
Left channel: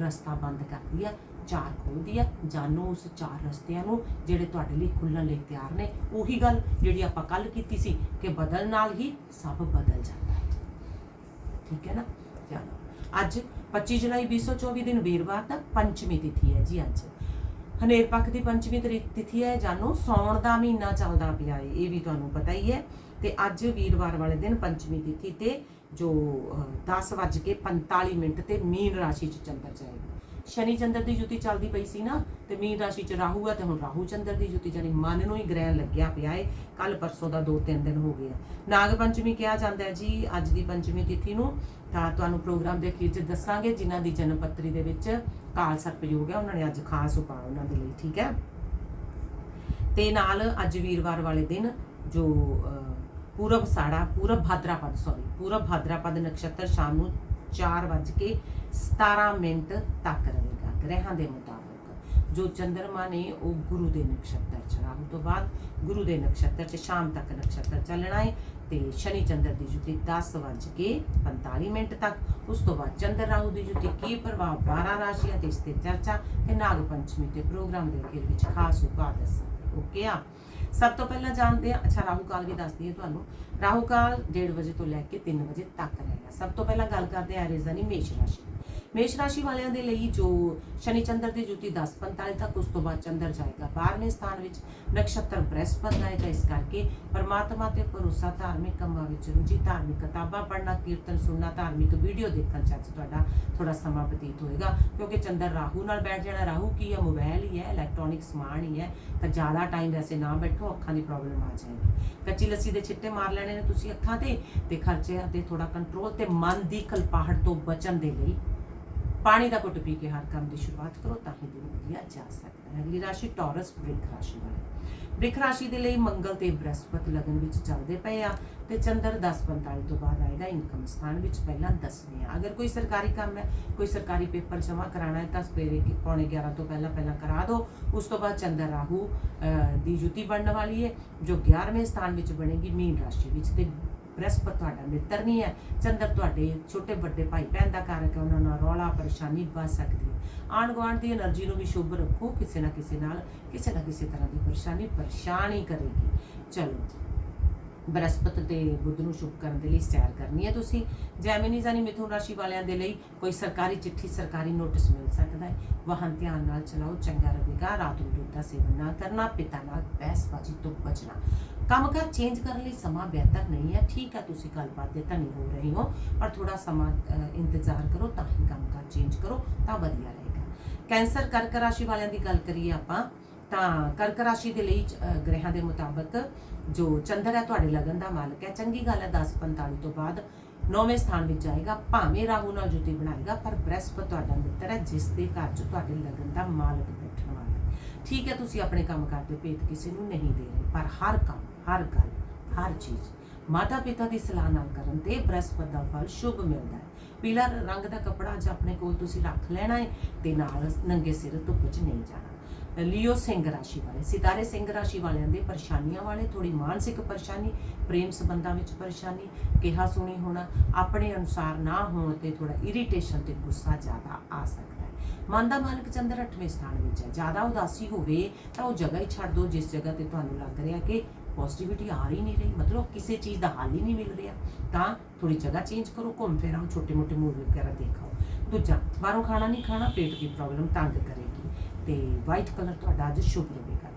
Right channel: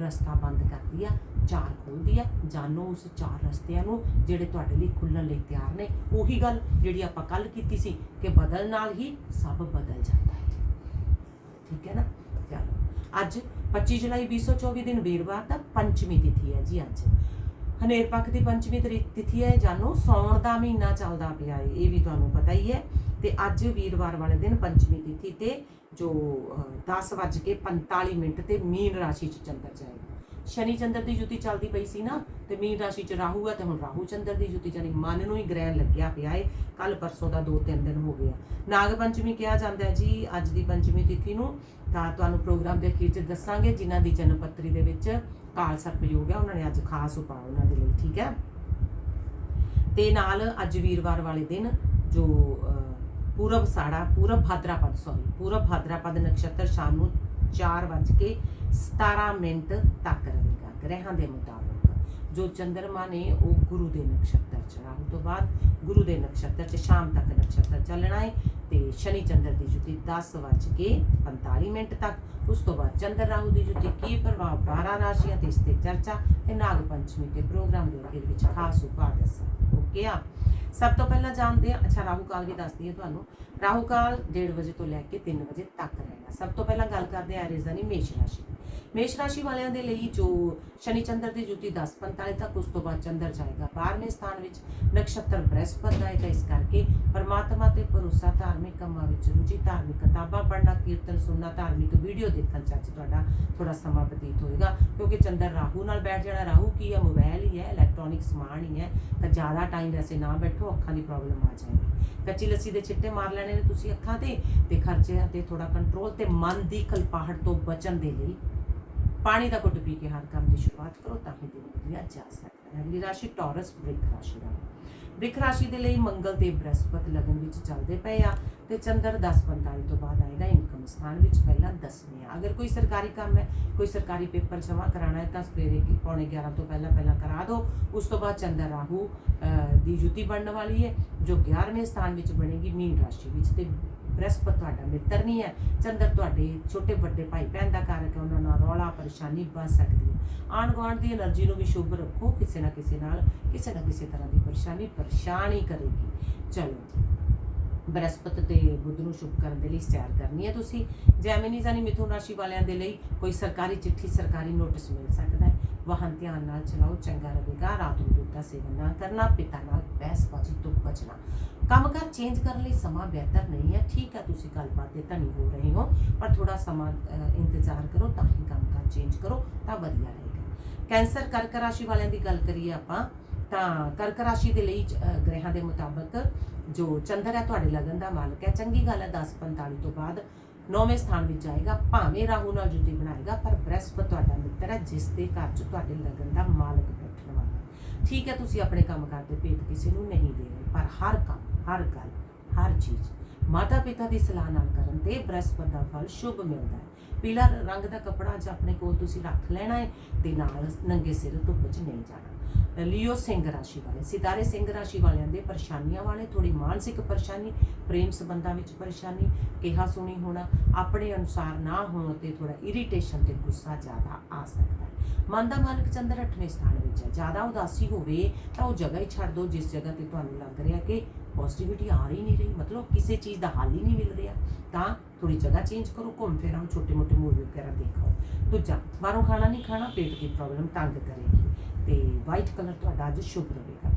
ਰਸਤਾ ਬੰਦ ਕਰਦੀ ਆ, ਚਾਰ ਖੋਲਦੀ ਆ ਜਾਣੋ ਉਸ ਚਾਰ ਰਸਤਿਆਂ ਨੂੰ ਜਿਹੜੇ ਤੁਹਾਡੇ ਲਈ ਖੁੱਲਣ ਲਈ ਤਿਆਰ ਨੇ, ਉਹੀ ਗੱਲ ਜਿਹੜੀ ਆਪਾਂ ਕੱਲ ਕੀਤੀ ਸੀ ਕਿ ਬਦਲ ਨਾਲ ਹੀ ਸਭ ਬਦਲ ਜਾਂਦਾ ਹੈ। ਠੀਕ ਹੈ ਨਾ? ਚਲੋ, ਅੱਜ 25 ਜੁਲਾਈ 2024 ਦਿਨ ਵੀਰਵਾਰ ਦਾ ਪੰਚਮੀ ਤਿਥੀ ਹੈ ਜੀ ਅੱਜ। ਹਨੇਰ ਪੱਖ ਦੀ ਪੰਚਮੀ ਤਰੀ- ਤਿਥੀ ਹੈ ਜਾਨੋ, ਸੌਣ ਦਾ ਮਹੀਨਾ ਚੱਲਦਾ ਪਿਆ ਹੈ ਇਹ ਵੀ ਤੁਹਾਨੂੰ ਪਤਾ ਹੀ ਹੈ। ਤੇ ਅੱਜ ਵੀਰਵਾਰ ਵਾਲੇ ਦਿਨ ਪੰਚਮੀ ਤਿਥੀ ਤੇ ਜੋ 10:45 ਮਿੰਟ ਤੇ ਮੀਨ ਰਾਸ਼ੀ ਚ ਚੰਦਰ ਜਾਏਗਾ। ਸ਼ਨੀ ਚੰਦਰ ਦੀ ਜੁਤੀ ਚੱਲਦੀ ਪਈ ਸੀ ਨਾ ਤੇ ਮੀਨ ਰਾਸ਼ੀ ਚ ਰਾਹੂ ਹੈ ਤੇ ਹੁਣ ਰਾਹੂ ਚੰਦਰ ਦੀ ਜੁਤੀ ਜਾਨੀ ਮਨ ਨੂੰ ਹੀ ਗ੍ਰਹਿਣ ਲੱਗਿਆ ਪਿਆ ਏ। ਕੱਲ ਪਰਸੋਂ ਦਾ 2-3 ਦਿਨ ਹੋ ਗਿਆ ਨਾਗ ਪੰਚਮੀ ਕਿਹਾ ਜਾਂਦਾ ਹੈ ਜੀ ਅੱਜ ਦੀ ਪੰਚਮੀ ਤਿਥੀ ਨੂੰ। ਤਾਂ ਤੁਹਾਨੂੰ ਪ੍ਰੋਗਰਾਮ ਦੇ ਅਖੀਰ 'ਚ ਦੱਸਾਂਗੇ ਜਿਨ੍ਹਾਂ ਦੀ ਜਨਮ ਪੱਤਰੀ ਦੇ ਵਿੱਚ ਕਾਲ ਸਰਪਯੋਗ ਹੈ ਉਹਨਾਂ ਨੇ ਅੱਜ ਖਾਸ ਉਪਾਅ ਉਹਨਾਂ ਦੇ ਲਈ ਠੀਕ ਹੈ? ਤੇ ਨਾਲ ਅੱਜ ਵੀਰਵਾਰ ਵਾਲੇ ਦਿਨ ਜੋ ਅਹ, ਪੂਰਬ ਸਾੜਾ ਪੂਰਬ ਭਾਦਰਾਪਦ ਸੌਰੀ ਪੂਰਬ ਭਾਦਰਾਪਦ ਨਕਸ਼ਤਰ ਸ਼ਾਮ ਨੂੰ 4:17 ਮਿੰਟ ਤੱਕ ਰਹੇਗਾ। ਗ੍ਰਹਿਾਂ ਦੇ ਮੁਤਾਬਕ। ਜੋ ਚੰਦਰਮਾ ਨੇ ਉਹ ਗੁਰੂ ਦੇ ਨਕਸ਼ਤਰ ਚ ਰਾਹੂ ਤੋਂ ਬਾਅਦ ਗੁਰੂ ਦੇ ਨਕਸ਼ਤਰ ਚ ਸ਼ਾਮ ਤੱਕ ਨਕਸ਼ਤਰ ਚੱਲਣਾ ਹੈ ਤੇ ਸ਼ਨੀ ਚੰਦਰ ਦੀ ਜੁਤੀ 10:45 ਮਿੰਟ ਤੱਕ। ਉਸ ਤੋਂ ਬਾਅਦ ਚੰਦਰ ਰਾਹੂ ਦੀ ਜੁਤੀ ਕੀ ਪ੍ਰਭਾਵ? 12 ਰਾਸ਼ੀਆਂ ਤੇ ਇਸ ਤੇ ਚਰਚਾ ਤੇ ਨਾਗ ਪੰਚਮੀ ਤੇ ਪ੍ਰੋਗਰਾਮ ਦੇ ਅਖੀਰ ਵਿੱਚ ਖਾਸ ਉਪਾਅ ਦੱਸਾਂ। ਓਕੇ ਆ। ਸਭ ਤੋਂ ਪਹਿਲਾਂ ਜਾਣਦੇ ਆ ਅੱਛਾ, ਰਾਹੂ ਕਾਲ ਵੀ ਦੱਸਦੀ ਹੈ ਤੁਹਾਨੂੰ। ਰਾਹੂ ਕਾਲ 1:30 ਵਜੇ ਤੋਂ ਲੈ ਕੇ 3 ਵਜੇ ਤੱਕ ਰਹੇਗਾ ਸਭ ਤੋਂ ਪਹਿਲਾਂ ਗੱਲ ਕਰਦੇ ਆ ਰੇਜ਼ਾਨੀ ਮੇਸ਼ ਰਾਸ਼ੀ ਮੇਸ਼ ਰਾਸ਼ੀ ਵਾਲਿਆਂ ਦੇ ਲਈ ਜੋ ਸ਼ਨੀ ਚੰਦਰ ਦੀ ਜੁਤੀ 10:45 ਤੱਕ, ਉਸ ਤੋਂ ਬਾਅਦ ਚੰਦਰ ਜਾਏਗਾ 12ਵੇਂ ਸਥਾਨ ਵਿੱਚ, ਨਕਸ਼ਤਰ ਬ੍ਰਹਸਪਤ ਦਾ ਹੈ ਇਸ ਕਰਕੇ ਪਰਮਾਤਮਾ ਤੇ ਭਰੋਸਾ, ਧਾਰਮਿਕ ਕੰਮਾਂ ਵਿੱਚ ਰੁਚੀ, ਧਾਰਮਿਕ ਕਿਤਾਬਾਂ ਪੜ੍ਹਨਾ, ਕੀਰਤਨ ਸੁਣਨਾ, ਧਾਰਮਿਕ ਵੀਡੀਓ ਦੇਖਣ ਚ ਅੱਜ ਤੁਹਾਡਾ ਥੋੜਾ ਸਮਾਂ ਬਤੀਤ ਹੋਏਗਾ, ਕਿਉਂਕਿ ਚੰਦਰ ਰਾਹੂ ਨਾਲ ਬੈਠ ਜਾਣਾ, ਰਾਹੂ ਕੀ ਹੈ ਮੋਬਾਈਲ ਹੀ ਹੈ ਇਲੈਕਟ੍ਰੋਨਿਕ ਸਮਾਨ ਹੀ ਹੈ, ਤਾਂ ਜ਼ਿਆਦਾ ਟਾਈਮ ਵੈਸੇ ਨਾ ਬੈਠੋ, ਅੱਖਾਂ ਦੀ ਪ੍ਰੋਬਲਮ ਆ ਜਾਏਗੀ। ਕੱਚੀ ਲੱਸੀ ਦੇ ਛਿੱਟੇ ਮਾਰ ਲੈਣੇ ਨੇ ਤੁਸੀਂ ਅੱਖਾਂ ਤੇ ਤੇ ਖਰਚੇ ਤੇ ਥੋੜਾ ਕੰਟਰੋਲ ਤੇ ਮਨ ਦੀ ਖਲਪਾਹਟ ਤੋਂ ਬਚਣ ਦੇ ਲਈ ਪਾਣੀ ਦਾ ਘੁੱਟ ਪੀ ਕੇ ਹਰ ਕੰਮ ਦੀ ਸ਼ੁਰੂਆਤ ਕਰੋ ਤਾਂ ਹੀ ਦਿਨ ਵਧੀਆ ਜਾ ਸਕਦਾ ਹੈ। ਅਗਲੀ ਰਾਸ਼ੀ ਟੌਰਸ ਬ੍ਰਿਕ ਰਾਸ਼ੀ ਦਾ ਬ੍ਰਿਕ ਰਾਸ਼ੀ ਦੇ ਲਈ ਮੰਗਲ ਤੇ ਬ੍ਰਹਸਪਤ ਲਗਨ ਵਿੱਚ ਚੱਲਦੇ ਪਏ ਆ ਤੇ ਚੰਦਰ 10:45 ਤੋਂ ਬਾਅਦ ਆਏਗਾ, ਇਨਕਮ ਸਥਾਨ ਵਿੱਚ ਪਹਿਲਾਂ 10ਵੇਂ ਆ। ਅਗਰ ਕੋਈ ਸਰਕਾਰੀ ਕੰਮ ਹੈ, ਕੋਈ ਸਰਕਾਰੀ ਪੇਪਰ ਜਮ੍ਹਾਂ ਕਰਾਣਾ ਹੈ, ਤਾਂ ਸਵੇਰੇ ਪੌਣੇ 11 ਤੋਂ ਪਹਿਲਾਂ ਪਹਿਲਾਂ ਕਰਾ ਦਿਓ। ਉਸ ਤੋਂ ਬਾਅਦ ਚੰਦਰ ਰਾਹੂ ਦੀ ਜੁਤੀ ਬਣਨ ਵਾਲੀ ਹੈ, ਜੋ 11ਵੇਂ ਸਥਾਨ ਵਿੱਚ ਬਣੇਗੀ, ਮੀਨ ਰਾਸ਼ੀ ਵਿੱਚ ਤੇ ਬ੍ਰਹਸਪਤ ਤੁਹਾਡਾ ਮਿੱਤਰ ਨਹੀਂ ਹੈ। ਚੰਦਰ ਤੁਹਾਡੇ ਛੋਟੇ ਵੱਡੇ ਭਾਈ ਭੈਣ ਦਾ ਕਾਰਕ ਹੈ ਉਹਨਾਂ ਨਾਲ ਰੌਲਾ, ਪਰੇਸ਼ਾਨੀ ਵੱਧ ਸਕਦੀ ਹੈ। ਆਣ ਗੁਆਂਢ ਦੀ એનર્ਜੀ ਨੂੰ ਵੀ ਸ਼ੁਭ ਰੱਖੋ। ਕਿਸੇ ਨਾ ਕਿਸੇ ਨਾਲ ਕਿਸੇ ਨਾ ਕਿਸੇ ਤਰ੍ਹਾਂ ਦੀ ਪਰੇਸ਼ਾਨੀ ਪਰੇਸ਼ਾਨ ਕਰੇਗੀ। ਚਲੋ, ਬ੍ਰਹਸਪਤ ਤੇ ਬੁੱਧ ਨੂੰ ਸ਼ੁਭ ਕਰਨ ਦੇ ਲਈ ਸੈਰ ਕਰਨੀ ਹੈ ਤੁਸੀਂ। ਜੈਮਿਨੀਜ਼ ਆਨੀ ਮਿਥੁਨ ਰਾਸ਼ੀ ਵਾਲਿਆਂ ਦੇ ਲਈ ਕੋਈ ਸਰਕਾਰੀ ਚਿੱਠੀ, ਸਰਕਾਰੀ ਨੋਟਿਸ ਮਿਲ ਸਕਦਾ ਹੈ। ਵਾਹਨ ਧਿਆਨ ਨਾਲ ਚਲਾਓ, ਚੰਗਾ ਰਹੇਗਾ। ਰਾਤ ਨੂੰ ਦੁੱਧ ਦਾ ਸੇਵਨ ਨਾ ਕਰਨਾ, ਪਿਤਾ ਨਾਲ ਬਹਿਸਬਾਜ਼ੀ ਤੋਂ ਬਚਣਾ। ਕੰਮਕਾਰ ਚੇਂਜ ਕਰਨ ਲਈ ਸਮਾਂ ਬਿਹਤਰ ਨਹੀਂ ਹੈ। ਠੀਕ ਹੈ ਤੁਸੀਂ ਗੱਲਬਾਤ ਦੇ ਧਨੀ ਹੋ ਰਹੇ ਹੋ ਪਰ ਥੋੜਾ ਸਮਾਂ ਇੰਤਜ਼ਾਰ ਕਰੋ ਤਾਂ ਹੀ ਕੰਮਕਾਰ ਚੇਂਜ ਕਰੋ ਤਾਂ ਵਧੀਆ ਰਹੇਗਾ। ਕੈਂਸਰ ਕਰਕ ਰਾਸ਼ੀ ਵਾਲਿਆਂ ਦੀ ਗੱਲ ਕਰੀਏ ਆਪਾਂ ਤਾਂ ਕਰਕ ਰਾਸ਼ੀ ਦੇ ਲਈ ਅ, ਗ੍ਰਹਿਾਂ ਦੇ ਮੁਤਾਬਕ ਜੋ ਚੰਦਰ ਹੈ ਤੁਹਾਡੇ ਲਗਨ ਦਾ ਮਾਲਕ ਹੈ। ਚੰਗੀ ਗੱਲ ਹੈ 10:45 ਤੋਂ ਬਾਅਦ ਨੌਵੇਂ ਸਥਾਨ ਵਿੱਚ ਜਾਏਗਾ ਭਾਵੇਂ ਰਾਹੂ ਨਾਲ ਜੁਤੀ ਬਣਾਏਗਾ ਪਰ ਬ੍ਰਹਸਪਤ ਤੁਹਾਡਾ ਮਿੱਤਰ ਹੈ ਜਿਸ ਦੇ ਘਰ 'ਚ ਤੁਹਾਡੇ ਲਗਨ ਦਾ ਮਾਲਕ ਬੈਠਣ ਵਾਲਾ ਠੀਕ ਹੈ ਤੁਸੀਂ ਆਪਣੇ ਕੰਮ ਕਰਦੇ ਭੇਤ ਕਿਸੇ ਨੂੰ ਨਹੀਂ ਦੇ ਰਹੇ ਪਰ ਹਰ ਕੰਮ ਹਰ ਗੱਲ, ਹਰ ਚੀਜ਼। ਮਾਤਾ ਪਿਤਾ ਦੀ ਸਲਾਹ ਨਾਲ ਕਰਨ ਤੇ ਬ੍ਰਹਸਪਤ ਦਾ ਫਲ ਸ਼ੁਭ ਮਿਲਦਾ ਹੈ। ਪੀਲਾ ਰੰਗ ਦਾ ਕੱਪੜਾ ਅੱਜ ਆਪਣੇ ਕੋਲ ਤੁਸੀਂ ਰੱਖ ਲੈਣਾ ਹੈ ਤੇ ਨਾਲ ਨੰਗੇ ਸਿਰ ਧੁੱਪ 'ਚ ਨਹੀਂ ਜਾਣਾ। ਲਿਓ ਸਿੰਘ ਰਾਸ਼ੀ ਵਾਲੇ, ਸਿਤਾਰੇ ਸਿੰਘ ਰਾਸ਼ੀ ਵਾਲਿਆਂ ਦੇ ਪਰੇਸ਼ਾਨੀਆਂ ਵਾਲੇ ਥੋੜੀ ਮਾਨਸਿਕ ਪਰੇਸ਼ਾਨੀ, ਪ੍ਰੇਮ ਸੰਬੰਧਾਂ ਵਿੱਚ ਪਰੇਸ਼ਾਨੀ, ਕਿਹਾ ਸੁਣੀ ਹੋਣਾ, ਆਪਣੇ ਅਨੁਸਾਰ ਨਾ ਹੋਣ ਤੇ ਥੋੜਾ ਇਰੀਟੇਸ਼ਨ ਤੇ ਗੁੱਸਾ ਜ਼ਿਆਦਾ ਆ ਸਕਦਾ ਹੈ। ਮਨ ਦਾ ਮਾਲਕ ਚੰਦਰ 8ਵੇਂ ਸਥਾਨ ਵਿੱਚ ਹੈ। ਜ਼ਿਆਦਾ ਉਦਾਸੀ ਹੋਵੇ ਤਾਂ ਉਹ ਜਗ੍ਹਾ ਹੀ ਛੱਡ ਦਿਓ, ਜਿਸ ਜਗ੍ਹਾ ਤੇ ਤੁਹਾਨੂੰ ਲੱਗ ਰਿਹਾ ਕਿ ਪੋਜ਼ਿਟਿਵਿਟੀ ਆ ਰਹੀ ਨਹੀਂ ਰਹੀ, ਮਤਲਬ ਕਿਸੇ ਚੀਜ਼ ਦਾ ਹੱਲ ਹੀ ਨਹੀਂ ਮਿਲ ਰਿਹਾ। ਤਾਂ ਥੋੜੀ ਜਗ੍ਹਾ ਚੇਂਜ ਕਰੋ, ਘੁੰਮ ਫਿਰ ਆਓ, ਛੋਟੇ ਮੋਟੇ ਮੂਵੀ ਵਗੈਰਾ ਦੇਖਾਓ। ਦੂਜਾ, ਬਾਹਰੋਂ ਖਾਣਾ ਨਹੀਂ ਖਾਣਾ, ਪੇਟ ਦੀ ਪ੍ਰੋਬਲਮ ਤੰਗ ਕਰੇਗੀ। ਤੇ ਵਾਈਟ ਕਲਰ ਤੁਹਾਡਾ ਅੱਜ ਸ਼ੁਭ ਰਹੇਗਾ।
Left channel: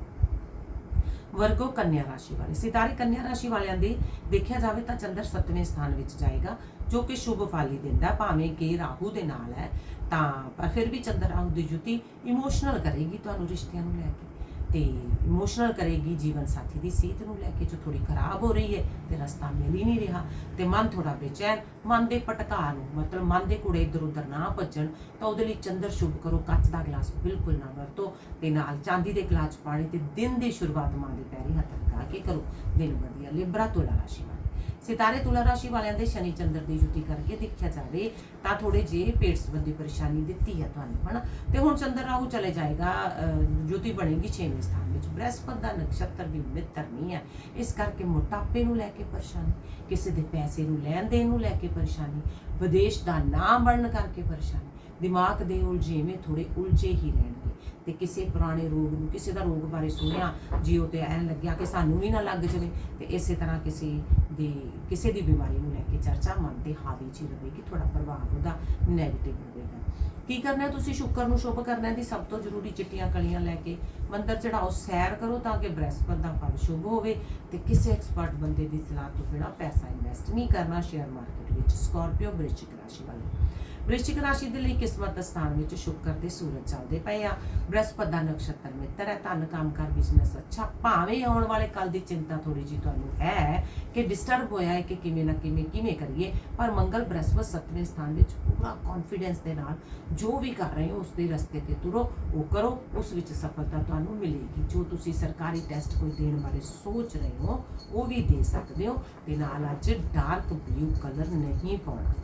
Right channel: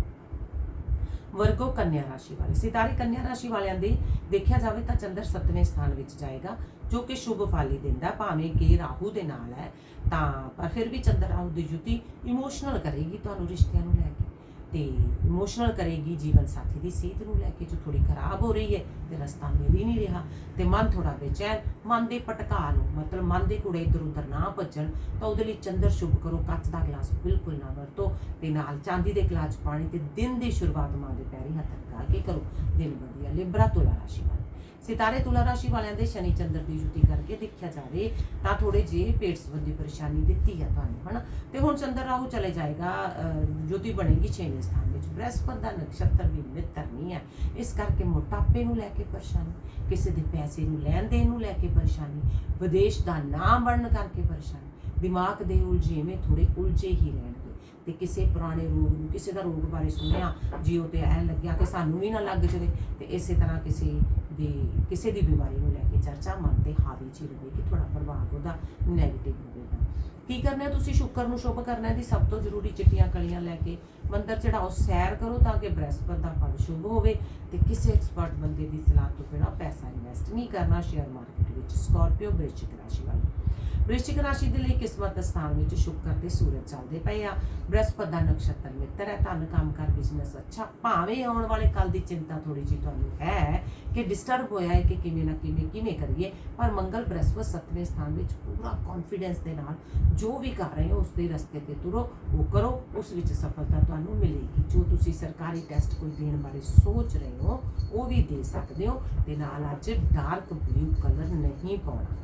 ਵਰਗੋ ਕੰਨਿਆ ਰਾਸ਼ੀ ਵਾਲੇ, ਸਿਤਾਰੇ ਕੰਨਿਆ ਰਾਸ਼ੀ ਵਾਲਿਆਂ ਦੇ ਦੇਖਿਆ ਜਾਵੇ ਤਾਂ ਚੰਦਰ 7ਵੇਂ ਸਥਾਨ ਵਿੱਚ ਜਾਏਗਾ, ਜੋ ਕਿ ਸ਼ੁਭ ਫਲ ਹੀ ਦਿੰਦਾ, ਭਾਵੇਂ ਕਿ ਰਾਹੂ ਦੇ ਨਾਲ ਹੈ। ਤਾਂ, ਪਰ ਫਿਰ ਵੀ ਚੰਦਰ ਰਾਹੂ ਦੀ ਜੁਤੀ ਇਮੋਸ਼ਨਲ ਕਰੇਗੀ ਤੁਹਾਨੂੰ ਰਿਸ਼ਤਿਆਂ ਨੂੰ ਲੈ ਕੇ। ਤੇ ਇਮੋਸ਼ਨਲ ਕਰੇਗੀ ਜੀਵਨ ਸਾਥੀ ਦੀ ਸਿਹਤ ਨੂੰ ਲੈ ਕੇ, ਜੋ ਥੋੜੀ ਖਰਾਬ ਹੋ ਰਹੀ ਹੈ ਤੇ ਰਸਤਾ ਮਿਲ ਹੀ ਨਹੀਂ ਰਿਹਾ ਤੇ ਮਨ ਥੋੜਾ ਬੇਚੈਨ, ਮਨ ਦੇ ਪਟਕਾ ਨੂੰ, ਮਤਲਬ ਮਨ ਦੇ ਕੁੜੇ ਇਧਰ ਉਧਰ ਨਾ ਭੱਜਣ, ਤਾਂ ਉਹਦੇ ਲਈ ਚੰਦਰ ਸ਼ੁਭ ਕਰੋ, ਕੱਚ ਦਾ ਗਲਾਸ ਬਿਲਕੁਲ ਨਾ ਵਰਤੋ ਤੇ ਨਾਲ ਚਾਂਦੀ ਦੇ ਗਲਾਸ ਪਾਣੀ ਤੇ ਦਿਨ ਦੀ ਸ਼ੁਰੂਆਤ ਮਾਂ ਦੇ ਪੈਰੀ ਹੱਥ ਲਗਾ ਕੇ ਕਰੋ। ਦਿਨ ਵਧੀਆ, ਲਿਬਰਾ ਤੁਲਾ ਰਾਸ਼ੀ ਵਾਲੇ ਸਿਤਾਰੇ ਤੁਲਾ ਰਾਸ਼ੀ ਵਾਲਿਆਂ ਦੇ ਸ਼ਨੀ ਚੰਦਰ ਦੀ ਜੁਤੀ ਕਰਕੇ ਦੇਖਿਆ ਜਾਵੇ ਤਾਂ ਥੋੜੇ ਜਿਹੇ ਪੇਟ ਸੰਬੰਧੀ ਪਰੇਸ਼ਾਨੀ ਦਿੱਤੀ ਹੈ ਤੁਹਾਨੂੰ ਹਨਾ? ਤੇ ਹੁਣ ਚੰਦਰ ਰਾਹੂ ਚਲੇ ਜਾਏਗਾ ਅਹ, ਜੁਤੀ ਬਣੇਗੀ 6ਵੇਂ ਸਥਾਨ ਵਿੱਚ। ਬ੍ਰਹਸਪਤ ਦਾ ਨਕਸ਼ਤਰ ਵੀ ਮਿੱਤਰ ਨਹੀਂ ਹੈ। ਇਸ ਕਰਕੇ ਮੋਟਾਪੇ ਨੂੰ ਲੈ ਕੇ ਪਰੇਸ਼ਾਨੀ ਕਿਸੇ ਦੇ ਪੈਸੇ ਨੂੰ ਲੈਣ ਦੇਣ ਨੂੰ ਲੈ ਕੇ ਪਰੇਸ਼ਾਨੀ ਵਿਦੇਸ਼ ਦਾ ਨਾਮ ਬਣਨ ਕਰਕੇ ਪਰੇਸ਼ਾਨੀ। ਦਿਮਾਗ ਦੇ ਉਲਝੇਵੇਂ ਥੋੜੇ ਉਲਝੇ ਹੀ ਰਹਿਣਗੇ। ਤੇ ਕਿਸੇ ਪੁਰਾਣੇ ਰੋਗ ਨੂੰ, ਕਿਸੇ ਦਾ ਰੋਗ ਬਾਰੇ ਸੁਣਿਆ ਜੀਓ ਤੇ ਐਨ ਲੱਗਿਆ ਕਿ ਸਾਨੂੰ ਵੀ ਨਾ ਲੱਗ ਜਾਵੇ, ਤੇ ਇਸੇ ਤਰ੍ਹਾਂ ਕਿਸੇ ਦੀ ਕਿਸੇ ਦੀ ਬਿਮਾਰੀ ਨੂੰ ਲੈ ਕੇ ਚਰਚਾ ਮਨ ਤੇ ਹਾਵੀ ਚ ਹੀ ਰਹੇਗੀ ਤੁਹਾਡਾ ਪ੍ਰਭਾਵ ਉਹਦਾ ਨੈਗੇਟਿਵ ਹੋਵੇਗਾ। ਕੀ ਕਰਨਾ ਹੈ ਤੁਸੀਂ? ਸ਼ੁੱਕਰ ਨੂੰ ਸ਼ੁਭ ਕਰਨਾ ਹੈ ਦੀ ਸਭ ਤੋਂ ਜ਼ਰੂਰੀ ਚਿੱਟੀਆਂ ਕਲੀਆਂ ਲੈ ਕੇ ਮੰਦਰ ਚੜਾਓ, ਸੈਰ ਕਰੋ ਤਾਂ ਕਿ ਬ੍ਰਹਿਸਪਤ ਦਾ ਫਲ ਸ਼ੁਭ ਹੋਵੇ ਤੇ ਕਿਸੇ ਐਕਸਪਰਟ ਬੰਦੇ ਦੀ ਸਲਾਹ ਤੋਂ ਬਿਨਾਂ ਪੈਸਾ ਇਨਵੈਸਟ ਨਹੀਂ ਕਰਨਾ ਸ਼ੇਅਰ ਮਾਰਕੀਟ ਵਿੱਚ ਸਕਾਰਪੀਓ ਬ੍ਰਿਸ਼ਚਿਕ ਰਾਸ਼ੀ ਵਾਲੇ। ਵ੍ਰਿਸ਼ਚਿਕ ਰਾਸ਼ੀ ਦੇ ਲਈ ਕਿਸਮਤ ਸਥਾਨ ਵਿੱਚ ਸ਼ੁੱਕਰ ਤੇ ਸੂਰਜ ਚੱਲਦੇ ਪਏ ਆ। ਬ੍ਰਹਸਪਤ ਦਾ ਨਕਸ਼ਤਰ ਮਿੱਤਰ ਹੈ, ਧਨ ਕੰਮਕਾਰ ਬਿਜ਼ਨਸ ਅੱਛਾ। ਭਾਵੇਂ ਆਉਣ ਵਾਲੇ ਕੱਲ ਦੀ ਚਿੰਤਾ ਥੋੜੀ ਜੀ ਤੁਹਾਨੂੰ ਹੈ ਕਿ ਡਿਸਟਰਬ ਹੋਇਆ ਹੈ ਕਿ ਕਿਵੇਂ ਨਾ ਕਿਵੇਂ ਕਿਵੇਂ ਕਰੀਏ, ਪਰ ਮੰਗਲ ਬ੍ਰਹਸਪਤ ਸੱਤਵੇਂ ਸਥਾਨ ਵਿੱਚ ਪੂਰਾ ਕੌਨਫੀਡੈਂਸ ਦੇ ਨਾਲ ਜੋ ਵੀ ਕਰ ਰਹੇ ਹੋ ਉਸ ਦੇ ਰਸਤੇ ਤੇ ਤੁਰੋ, ਉਹ ਕਰੋ, ਉਸ ਵਿੱਚ ਸਫਲਤਾ ਤੁਹਾਨੂੰ ਮਿਲੇਗੀ। ਜੋ ਤੁਸੀਂ ਸਰਕਾਰੀ ਟੈਸਟ ਕੋਈ ਦੇਣ ਬਾਰੇ ਸੋਚ ਰਹੇ ਹੋ, ਉਹ ਵੀ ਦੇ ਸਕਦੇ ਹੋ। ਤੇ ਨਾਲ ਅੱਜ ਡਾਰਕ ਬਲੂ ਕਲਰ ਨਹੀਂ ਪਾਉਣਾ।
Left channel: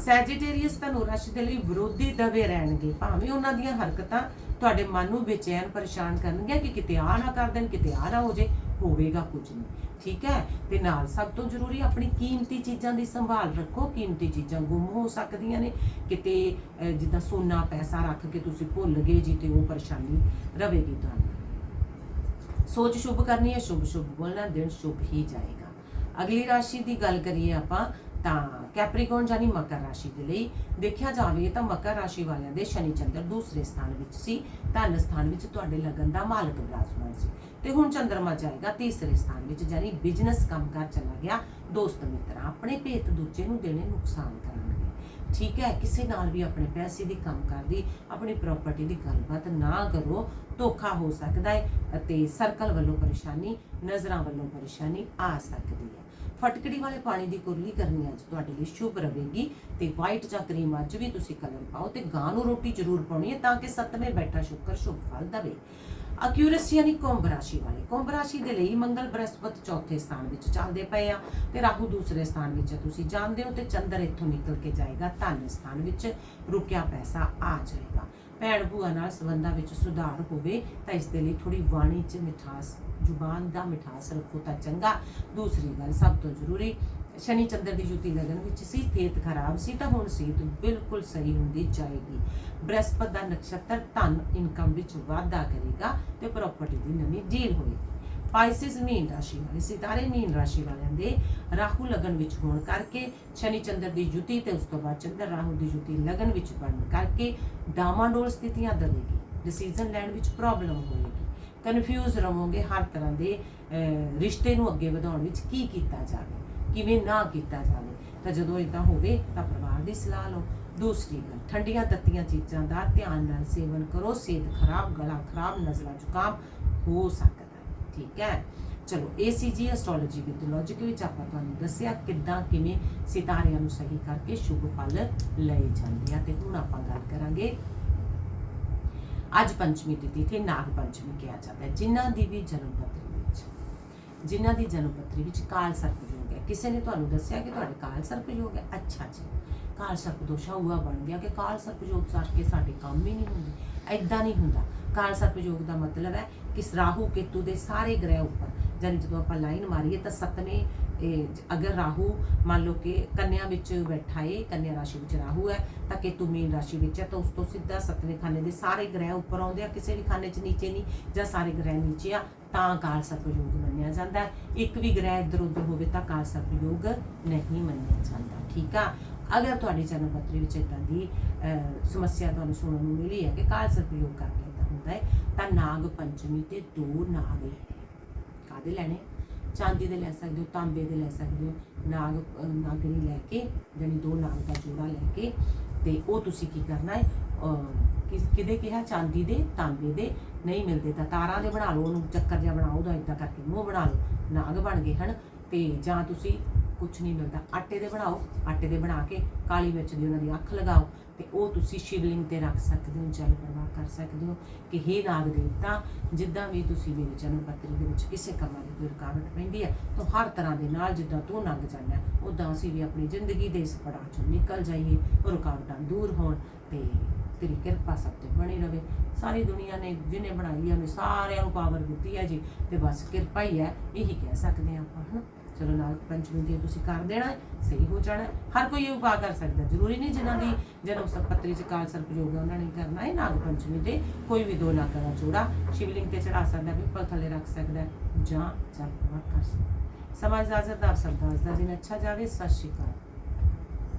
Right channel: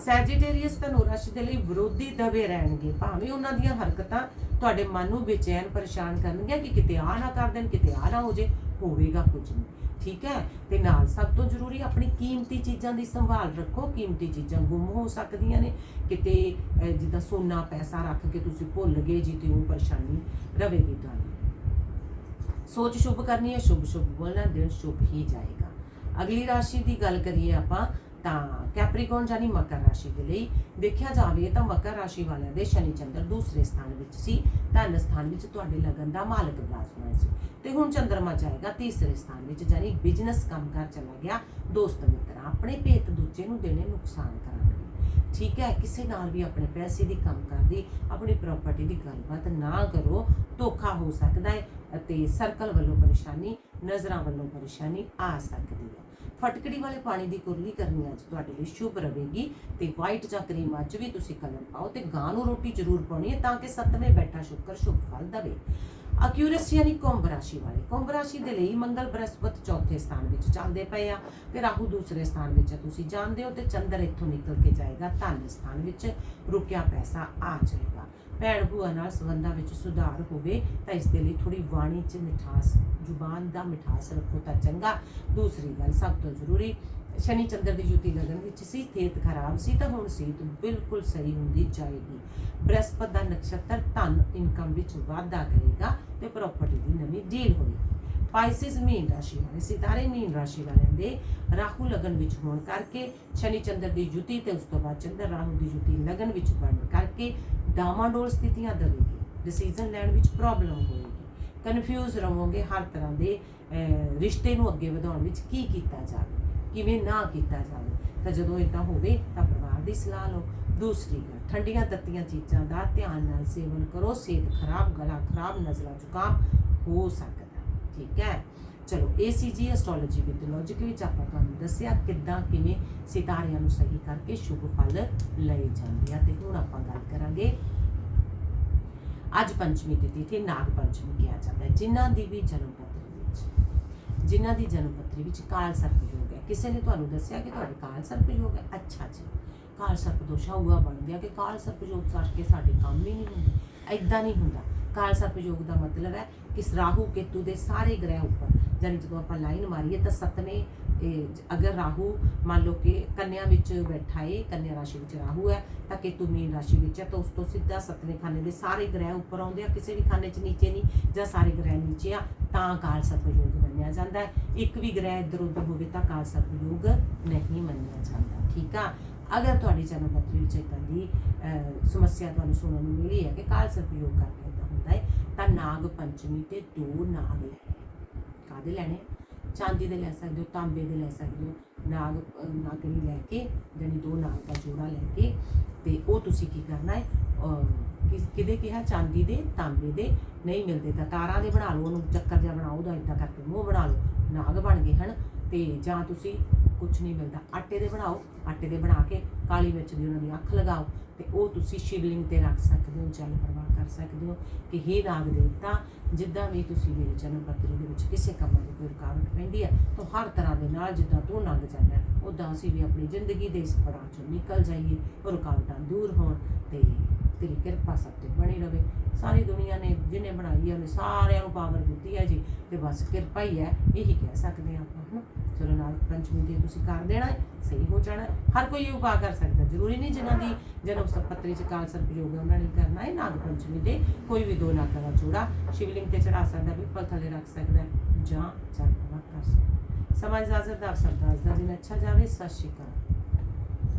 ਸੈਜੀਟੇਰੀਅਸ ਧਨੁ ਰਾਸ਼ੀ ਦੇ ਲਈ ਵਿਰੋਧੀ ਦਬੇ ਰਹਿਣਗੇ। ਭਾਵੇਂ ਉਹਨਾਂ ਦੀਆਂ ਹਰਕਤਾਂ ਤੁਹਾਡੇ ਮਨ ਨੂੰ ਬੇਚੈਨ ਪਰੇਸ਼ਾਨ ਕਰਨਗੀਆਂ ਕਿ ਕਿਤੇ ਆ ਨਾ ਕਰ ਦੇਣ, ਕਿਤੇ ਆ ਨਾ ਹੋ ਜੇ, ਹੋਵੇਗਾ ਕੁਝ ਨਹੀਂ। ਠੀਕ ਹੈ? ਤੇ ਨਾਲ ਸਭ ਤੋਂ ਜ਼ਰੂਰੀ ਆਪਣੀ ਕੀਮਤੀ ਚੀਜ਼ਾਂ ਦੀ ਸੰਭਾਲ ਰੱਖੋ। ਕੀਮਤੀ ਚੀਜ਼ਾਂ ਗੁੰਮ ਹੋ ਸਕਦੀਆਂ ਨੇ। ਕਿਤੇ ਜਿੱਦਾਂ ਸੋਨਾ, ਪੈਸਾ ਰੱਖ ਕੇ ਤੁਸੀਂ ਭੁੱਲ ਗਏ ਜੀ ਤੇ ਉਹ ਪਰੇਸ਼ਾਨੀ ਰਹੇਗੀ ਤੁਹਾਨੂੰ। ਸੋਚ ਸ਼ੁਭ ਕਰਨੀ ਹੈ ਸ਼ੁਭ ਸ਼ੁਭ ਬੋਲਣਾ, ਦਿਨ ਸ਼ੁਭ ਹੀ ਜਾਏਗਾ। ਅਗਲੀ ਰਾਸ਼ੀ ਦੀ ਗੱਲ ਕਰੀਏ ਆਪਾਂ ਤਾਂ ਕੈਪਰੀਕੋਨ ਜਾਨੀ ਮਕਰ ਰਾਸ਼ੀ ਦੇ ਲਈ ਦੇਖਿਆ ਜਾਵੇ ਤਾਂ ਮਕਰ ਰਾਸ਼ੀ ਵਾਲਿਆਂ ਦੇ ਸ਼ਨੀ ਚੰਦਰ ਦੂਸਰੇ ਸਥਾਨ ਵਿੱਚ ਸੀ, ਧਨ ਸਥਾਨ ਵਿੱਚ ਤੁਹਾਡੇ ਲਗਨ ਦਾ ਮਾਲਕ ਵਿਰਾਜਮਾਨ ਸੀ। ਤੇ ਹੁਣ ਚੰਦਰਮਾ ਜਾਏਗਾ ਤੀਸਰੇ ਸਥਾਨ ਵਿੱਚ ਜਾਨੀ ਬਿਜ਼ਨਸ ਕੰਮਕਾਰ ਚਲਾ ਗਿਆ, ਦੋਸਤ ਮਿੱਤਰ ਆਪਣੇ ਭੇਤ ਦੂਜੇ ਨੂੰ ਦੇਣੇ ਨੁਕਸਾਨ ਕਰਾਂਗੇ। ਠੀਕ ਹੈ, ਕਿਸੇ ਨਾਲ ਵੀ ਆਪਣੇ ਪੈਸੇ ਦੀ ਕੰਮ ਕਰਦੀ ਆਪਣੀ ਪ੍ਰਾਪਰਟੀ ਦੀ ਗੱਲਬਾਤ ਨਾ ਕਰੋ, ਧੋਖਾ ਹੋ ਸਕਦਾ ਹੈ ਅਤੇ ਸਰਕਲ ਵੱਲੋਂ ਪਰੇਸ਼ਾਨੀ, ਨਜ਼ਰਾਂ ਵੱਲੋਂ ਪਰੇਸ਼ਾਨੀ ਆ ਸਕਦੀ ਹੈ। ਫਟਕੜੀ ਵਾਲੇ ਪਾਣੀ ਦੀ ਕੁਰਲੀ ਕਰਨੀ ਅੱਜ ਤੁਹਾਡੇ ਲਈ ਸ਼ੁਭ ਰਹੇਗੀ ਤੇ ਵਾਈਟ ਜਾਂ ਕਰੀਮ ਅੱਜ ਵੀ ਤੁਸੀਂ ਕਲਰ ਪਾਓ ਤੇ ਗਾਂ ਨੂੰ ਰੋਟੀ ਜ਼ਰੂਰ ਪਾਉਣੀ ਹੈ ਤਾਂ ਕਿ ਸੱਤਵੇਂ ਬੈਠਾ ਸ਼ੁਕਰ ਸ਼ੁਭ ਫਲ ਦੇਵੇ। ਅਕਿਊਰੇਸੀ ਯਾਨੀ ਕੁੰਭ ਰਾਸ਼ੀ ਵਾਲੇ, ਕੁੰਭ ਰਾਸ਼ੀ ਦੇ ਲਈ ਮੰਗਲ, ਬ੍ਰਹਸਪਤ ਚੌਥੇ ਸਥਾਨ ਵਿੱਚ ਚੱਲਦੇ ਪਏ ਆ ਤੇ ਰਾਹੂ ਦੂਸਰੇ ਸਥਾਨ ਵਿੱਚ ਤੁਸੀਂ ਜਾਣਦੇ ਹੋ ਤੇ ਚੰਦਰ ਇੱਥੋਂ ਨਿਕਲ ਕੇ ਜਾਏਗਾ ਧਨ ਸਥਾਨ ਵਿੱਚ, ਰੁਕਿਆ ਪੈਸਾ ਆ ਜਾਏਗਾ। ਭੈਣ ਭੂਆ ਨਾਲ ਸੰਬੰਧਾਂ ਵਿੱਚ ਸੁਧਾਰ ਹੋਵੇ ਤਾਂ ਇਸ ਦੇ ਲਈ ਥੋੜੀ ਬਾਣੀ 'ਚ ਮਿਠਾਸ, ਜ਼ੁਬਾਨ ਦਾ ਮਿਠਾਸ ਰੱਖੋ ਤਾਂ ਚੰਗਾ। ਦੂਸਰੀ ਗੱਲ ਸਭ ਤੋਂ ਜ਼ਰੂਰੀ, ਸ਼ਨੀ ਚੰਦਰ ਦੀ ਜੁਤੀ ਲਗਨ ਵਿੱਚ ਸੀ, ਸਿਹਤ ਖਰਾਬ ਸੀ ਤਾਂ ਹੁਣ ਸਿਹਤ ਬਿਲਕੁਲ ਸਹੀ ਹੁੰਦੀ ਜਾਏਗੀ। ਬ੍ਰਹਸਪਤ ਦਾ ਨਕਸ਼ਤਰ ਧਨ ਇਨਕਮ ਵਿੱਚ ਵਾਧਾ ਕਰੇਗਾ ਤੇ ਪ੍ਰਾਪਰਟੀ ਦੀ ਨਵੀਂ ਡੀਲ ਹੋਏਗੀ। ਪਾਈਸਿਸ ਮੀਨ ਰਾਸ਼ੀ ਵਾਲੇ, ਸਿਤਾਰੇ ਮੀਨ ਰਾਸ਼ੀ ਵਾਲਿਆਂ ਦੇ ਰਾਹੂ ਲਗਨ ਵਿੱਚ ਹੋਣ ਕਰਕੇ, ਸ਼ਨੀ ਚੰਦਰ ਦੀ ਜੁਤੀ ਤੇ ਉਸ ਤੋਂ ਬਾਅਦ ਚੰਦਰ ਰਾਹੂ ਦੀ ਜੁਤੀ ਲਗਨ ਵਿੱਚ ਬਣਨ ਕਰਕੇ ਡਾਮਾਡੋਲ ਸਥਿਤੀਆਂ ਦੇਵੇਗੀ ਡਿਸੀਜਨ ਲੈਣ ਵਿੱਚ ਪ੍ਰੋਬਲਮ ਹੋਵੇਗੀ ਕਨਫਿਊਜ਼ ਰਹੋਗੇ ਹਰ ਤਰ੍ਹਾਂ ਦੇ ਰਿਸ਼ਤੇ ਨੂੰ ਅੱਗੇ ਵਧਾਉਣ ਵਿੱਚ ਕੀ ਕੀਤਾ ਜਾਵੇ, ਕਿਵੇਂ ਨਾ ਕੀਤਾ ਜਾਵੇ। ਤਾਂ ਜਦੋਂ ਇਦਾਂ ਹੋਵੇ ਤਾਂ ਪਰਿਵਾਰ ਦੀ ਸਲਾਹ ਲਓ। ਦੂਸਰੀ ਗੱਲ, ਠੰਡੀਆਂ ਤੱਤੀਆਂ ਚੀਜ਼ਾਂ ਦਾ ਧਿਆਨ ਨਾਲ ਸੇਵਨ ਕਰੋ, ਸਿਹਤ ਖਰਾਬ, ਗਲਾ ਖਰਾਬ ਨਜ਼ਲਾ ਜ਼ੁਕਾਮ ਹੋ ਸਕਦਾ ਠੀਕ ਹੈ। ਚਲੋ ਇਹ ACG ਐਸਟ੍ਰੋਲੋਜੀ ਵਿਦ ਲੌਜੀਕ ਵਿੱਚ ਆਪਾਂ ਤੁਹਾਨੂੰ ਦੱਸਿਆ ਕਿੱਦਾਂ, ਕਿਵੇਂ ਸਿਤਾਰਿਆਂ ਨੂੰ ਸਹੀ ਕਰਕੇ ਸ਼ੁਭ ਫਲ ਲਏ ਜਾਂਦੇ ਆ। ਤੇ ਹੁਣ ਆਪਾਂ ਗੱਲ ਕਰਾਂਗੇ, ਅੱਜ ਪੰਚਮੀ ਤਿਥੀ ਤੇ ਨਾਗ ਪੰਚਮੀ ਕਿਹਾ ਜਾਂਦਾ ਹੈ, ਜਿਨ੍ਹਾਂ ਦੀ ਵੀ ਜਨਮ ਪੱਤਰੀ ਵਿੱਚ, ਜਿਨ੍ਹਾਂ ਦੀ ਜਨਮ ਪੱਤਰੀ ਵਿੱਚ ਕਾਲ ਸਰਪ ਯੋਗ ਹੈ। ਕਿਸੇ ਨੇ ਤੁਹਾਨੂੰ ਦੱਸਿਆ ਕਿ ਤੁਹਾਡੇ ਕਾਲ ਸਰਪ ਯੋਗ ਹੈ? ਅੱਛਾ ਜੀ। ਕਾਲ ਸਰਪ ਦੋਸ਼ਾ ਹੁਆ ਬਣ ਗਿਆ ਕਿ ਕਾਲ ਸਰਪ ਯੋਗ ਸਾਰ ਕੇ ਸਾਡੇ ਕੰਮ ਹੀ ਨਹੀਂ ਹੁੰਦੇ ਐਦਾਂ ਨਹੀਂ ਹੁੰਦਾ। ਕਾਲ ਸਰਪ ਯੋਗ ਦਾ ਮਤਲਬ ਹੈ ਕਿ ਰਾਹੂ ਕੇਤੂ ਦੇ ਸਾਰੇ ਗ੍ਰਹਿ ਉੱਪਰ ਜਾਨੀ ਜਦੋਂ ਆਪਾਂ ਲਾਈਨ ਮਾਰੀਏ ਤਾਂ ਸੱਤਵੇਂ ਅਗਰ ਰਾਹੂ ਮੰਨ ਲਓ ਕਿ ਕੰਨਿਆ ਵਿੱਚ ਬੈਠਾ ਏ, ਕੰਨਿਆ ਰਾਸ਼ੀ ਵਿੱਚ ਰਾਹੂ ਹੈ, ਤਾਂ ਕੇਤੂ ਮੀਨ ਰਾਸ਼ੀ ਵਿੱਚ ਹੈ, ਤਾਂ ਉਸ ਤੋਂ ਸਿੱਧਾ ਸੱਤਵੇਂ ਖਾਨੇ ਦੇ ਸਾਰੇ ਗ੍ਰਹਿ ਉੱਪਰ ਆਉਂਦੇ ਆ, ਕਿਸੇ ਵੀ ਖਾਨੇ 'ਚ ਨੀਚੇ ਨਹੀਂ, ਜਾਂ ਸਾਰੇ ਗ੍ਰਹਿ ਨੀਚੇ ਆ, ਤਾਂ ਕਾਲ ਸਰਪਯੋਗ ਮੰਨਿਆ ਜਾਂਦਾ ਹੈ। ਇੱਕ ਵੀ ਗ੍ਰਹਿ ਇੱਧਰ ਉੱਧਰ ਹੋਵੇ ਤਾਂ ਕਾਲ ਸਰਪਯੋਗ ਨਹੀਂ ਮੰਨਿਆ ਜਾਂਦਾ, ਠੀਕ ਆ? ਅਗਰ ਤੁਹਾਡੀ ਜਨਮ ਪੱਤਰੀ ਵਿੱਚ ਇਦਾਂ ਦੀ ਸਮੱਸਿਆ ਤੁਹਾਨੂੰ ਸੁਣਨ ਨੂੰ ਮਿਲੀ ਹੈ ਕਿ ਕਾਲ ਸਰਪਯੋਗ ਕਰਕੇ ਇਦਾਂ ਹੈ ਤਾਂ ਨਾਗ ਪੰਚਮੀ ਤੇ ਦੋ ਨਾਗ ਲੈਣੇ ਕਾਦੇ ਲੈਣੇ? ਚਾਂਦੀ ਦੇ ਲੈ ਸਕਦੇ ਹੋ ਤਾਂਬੇ ਦੇ ਲੈ ਸਕਦੇ ਹੋ ਨਾਗ ਨਾਗਣੀ ਲੈ ਕੇ ਜਾਣੀ ਦੋ ਨਾਗ ਦਾ ਜੋੜਾ ਲੈ ਕੇ ਤੇ ਉਹ ਤੁਸੀਂ ਕੀ ਕਰਨਾ ਹੈ ਅਹ, ਕਿਸ ਕਿਹਦੇ ਕਿਹਾ? ਚਾਂਦੀ ਦੇ ਤਾਂਬੇ ਦੇ ਨਹੀਂ ਮਿਲਦੇ ਤਾਂ ਤਾਰਾਂ ਦੇ ਬਣਾ ਲਓ ਉਹਨੂੰ ਚੱਕਰ ਜਿਹਾ ਬਣਾਓ ਉਹਦਾ ਇਦਾਂ ਕਰਕੇ ਮੂੰਹ ਬਣਾ ਲਓ ਨਾਗ ਬਣ ਗਏ ਹਨ ਤੇ ਜਾਂ ਤੁਸੀਂ ਕੁਝ ਨਹੀਂ ਮਿਲਦਾ ਆਟੇ ਦੇ ਬਣਾਓ ਆਟੇ ਦੇ ਬਣਾ ਕੇ ਕਾਲੀ ਮਿਰਚ ਦੀ ਉਹਨਾਂ ਦੀ ਅੱਖ ਲਗਾਓ ਤੇ ਉਹ ਤੁਸੀਂ ਸ਼ਿਵਲਿੰਗ ਤੇ ਰੱਖ ਸਕਦੇ ਹੋ, ਜਲ ਪ੍ਰਵਾਹ ਕਰ ਸਕਦੇ ਹੋ ਕਿ ਹੇ ਨਾਗ ਦੇਵਤਾ, ਜਿੱਦਾਂ ਵੀ ਤੁਸੀਂ ਮੇਰੇ ਜਨਮ ਪੱਤਰੀ ਦੇ ਵਿੱਚ ਕਿਸੇ ਕੰਮਾਂ ਦੀ ਕੋਈ ਰੁਕਾਵਟ ਪੈਂਦੀ ਹੈ, ਤਾਂ ਹਰ ਤਰ੍ਹਾਂ ਦੇ ਨਾਲ ਜਿੱਦਾਂ ਤੂੰ ਲੰਘ ਜਾਂਦਾ ਉਦਾਂ ਅਸੀਂ ਵੀ ਆਪਣੀ ਜ਼ਿੰਦਗੀ ਦੇ ਇਸ ਪੜਾਅ ਚੋਂ ਨਿਕਲ ਜਾਈਏ ਉਹ ਰੁਕਾਵਟਾਂ ਦੂਰ ਹੋਣ ਤੇ ਤੇਰੀ ਕਿਰਪਾ ਸਭ ਤੇ ਬਣੀ ਰਵੇ ਸਾਰੀ ਦੁਨੀਆ ਨੇ ਜਿਹਨੇ ਬਣਾਈ ਹੈ ਉਹਨੇ ਸਾਰਿਆਂ ਨੂੰ ਪਾਵਰ ਦਿੱਤੀ ਹੈ ਜੀ ਤੇ ਬਸ ਕਿਰਪਾ ਹੀ ਹੈ ਇਹੀ ਕਹਿ ਸਕਦੇ ਹਾਂ ਆਪਾਂ ਹਨਾ ਚਲੋ ਨਾਲ ਪੰਚਮੀ ਦੇ ਤੁਸੀਂ ਕਰ ਦੇਣਾ ਹੈ, ਸਹੀ ਹੋ ਜਾਣਾ ਹੈ। ਹਰ ਕੋਈ ਇਹ ਉਪਾਅ ਕਰ ਸਕਦਾ ਜ਼ਰੂਰੀ ਨਹੀਂ ਜਿਨ੍ਹਾਂ ਦੀ ਜਨਮ ਪੱਤਰੀ ਚ ਕਾਲ ਸਰਪਯੋਗ ਹੈ ਉਹਨਾਂ ਨੇ ਕਰਨਾ ਹੈ ਨਾਗ ਪੰਚਮੀ ਦੇ ਕੋਈ ਵੀ ਦੋ ਨਾਗਾਂ ਦਾ ਜੋੜਾ ਸ਼ਿਵਲਿੰਗ ਤੇ ਚੜਾ ਸਕਦਾ ਪਿੱਪਲ ਥੱਲੇ ਰੱਖ ਸਕਦਾ ਹੈ ਜਾਂ ਜਲ ਕਰ ਸਕਦਾ ਹੈ। ਸਮਾਂ ਇਜਾਜ਼ਤ ਦਾ ਅੱਜ ਦਾ ਦਿਨ ਅੱਛਾ ਜਾਵੇ ਸਤਿ ਸ਼੍ਰੀ ਅਕਾਲ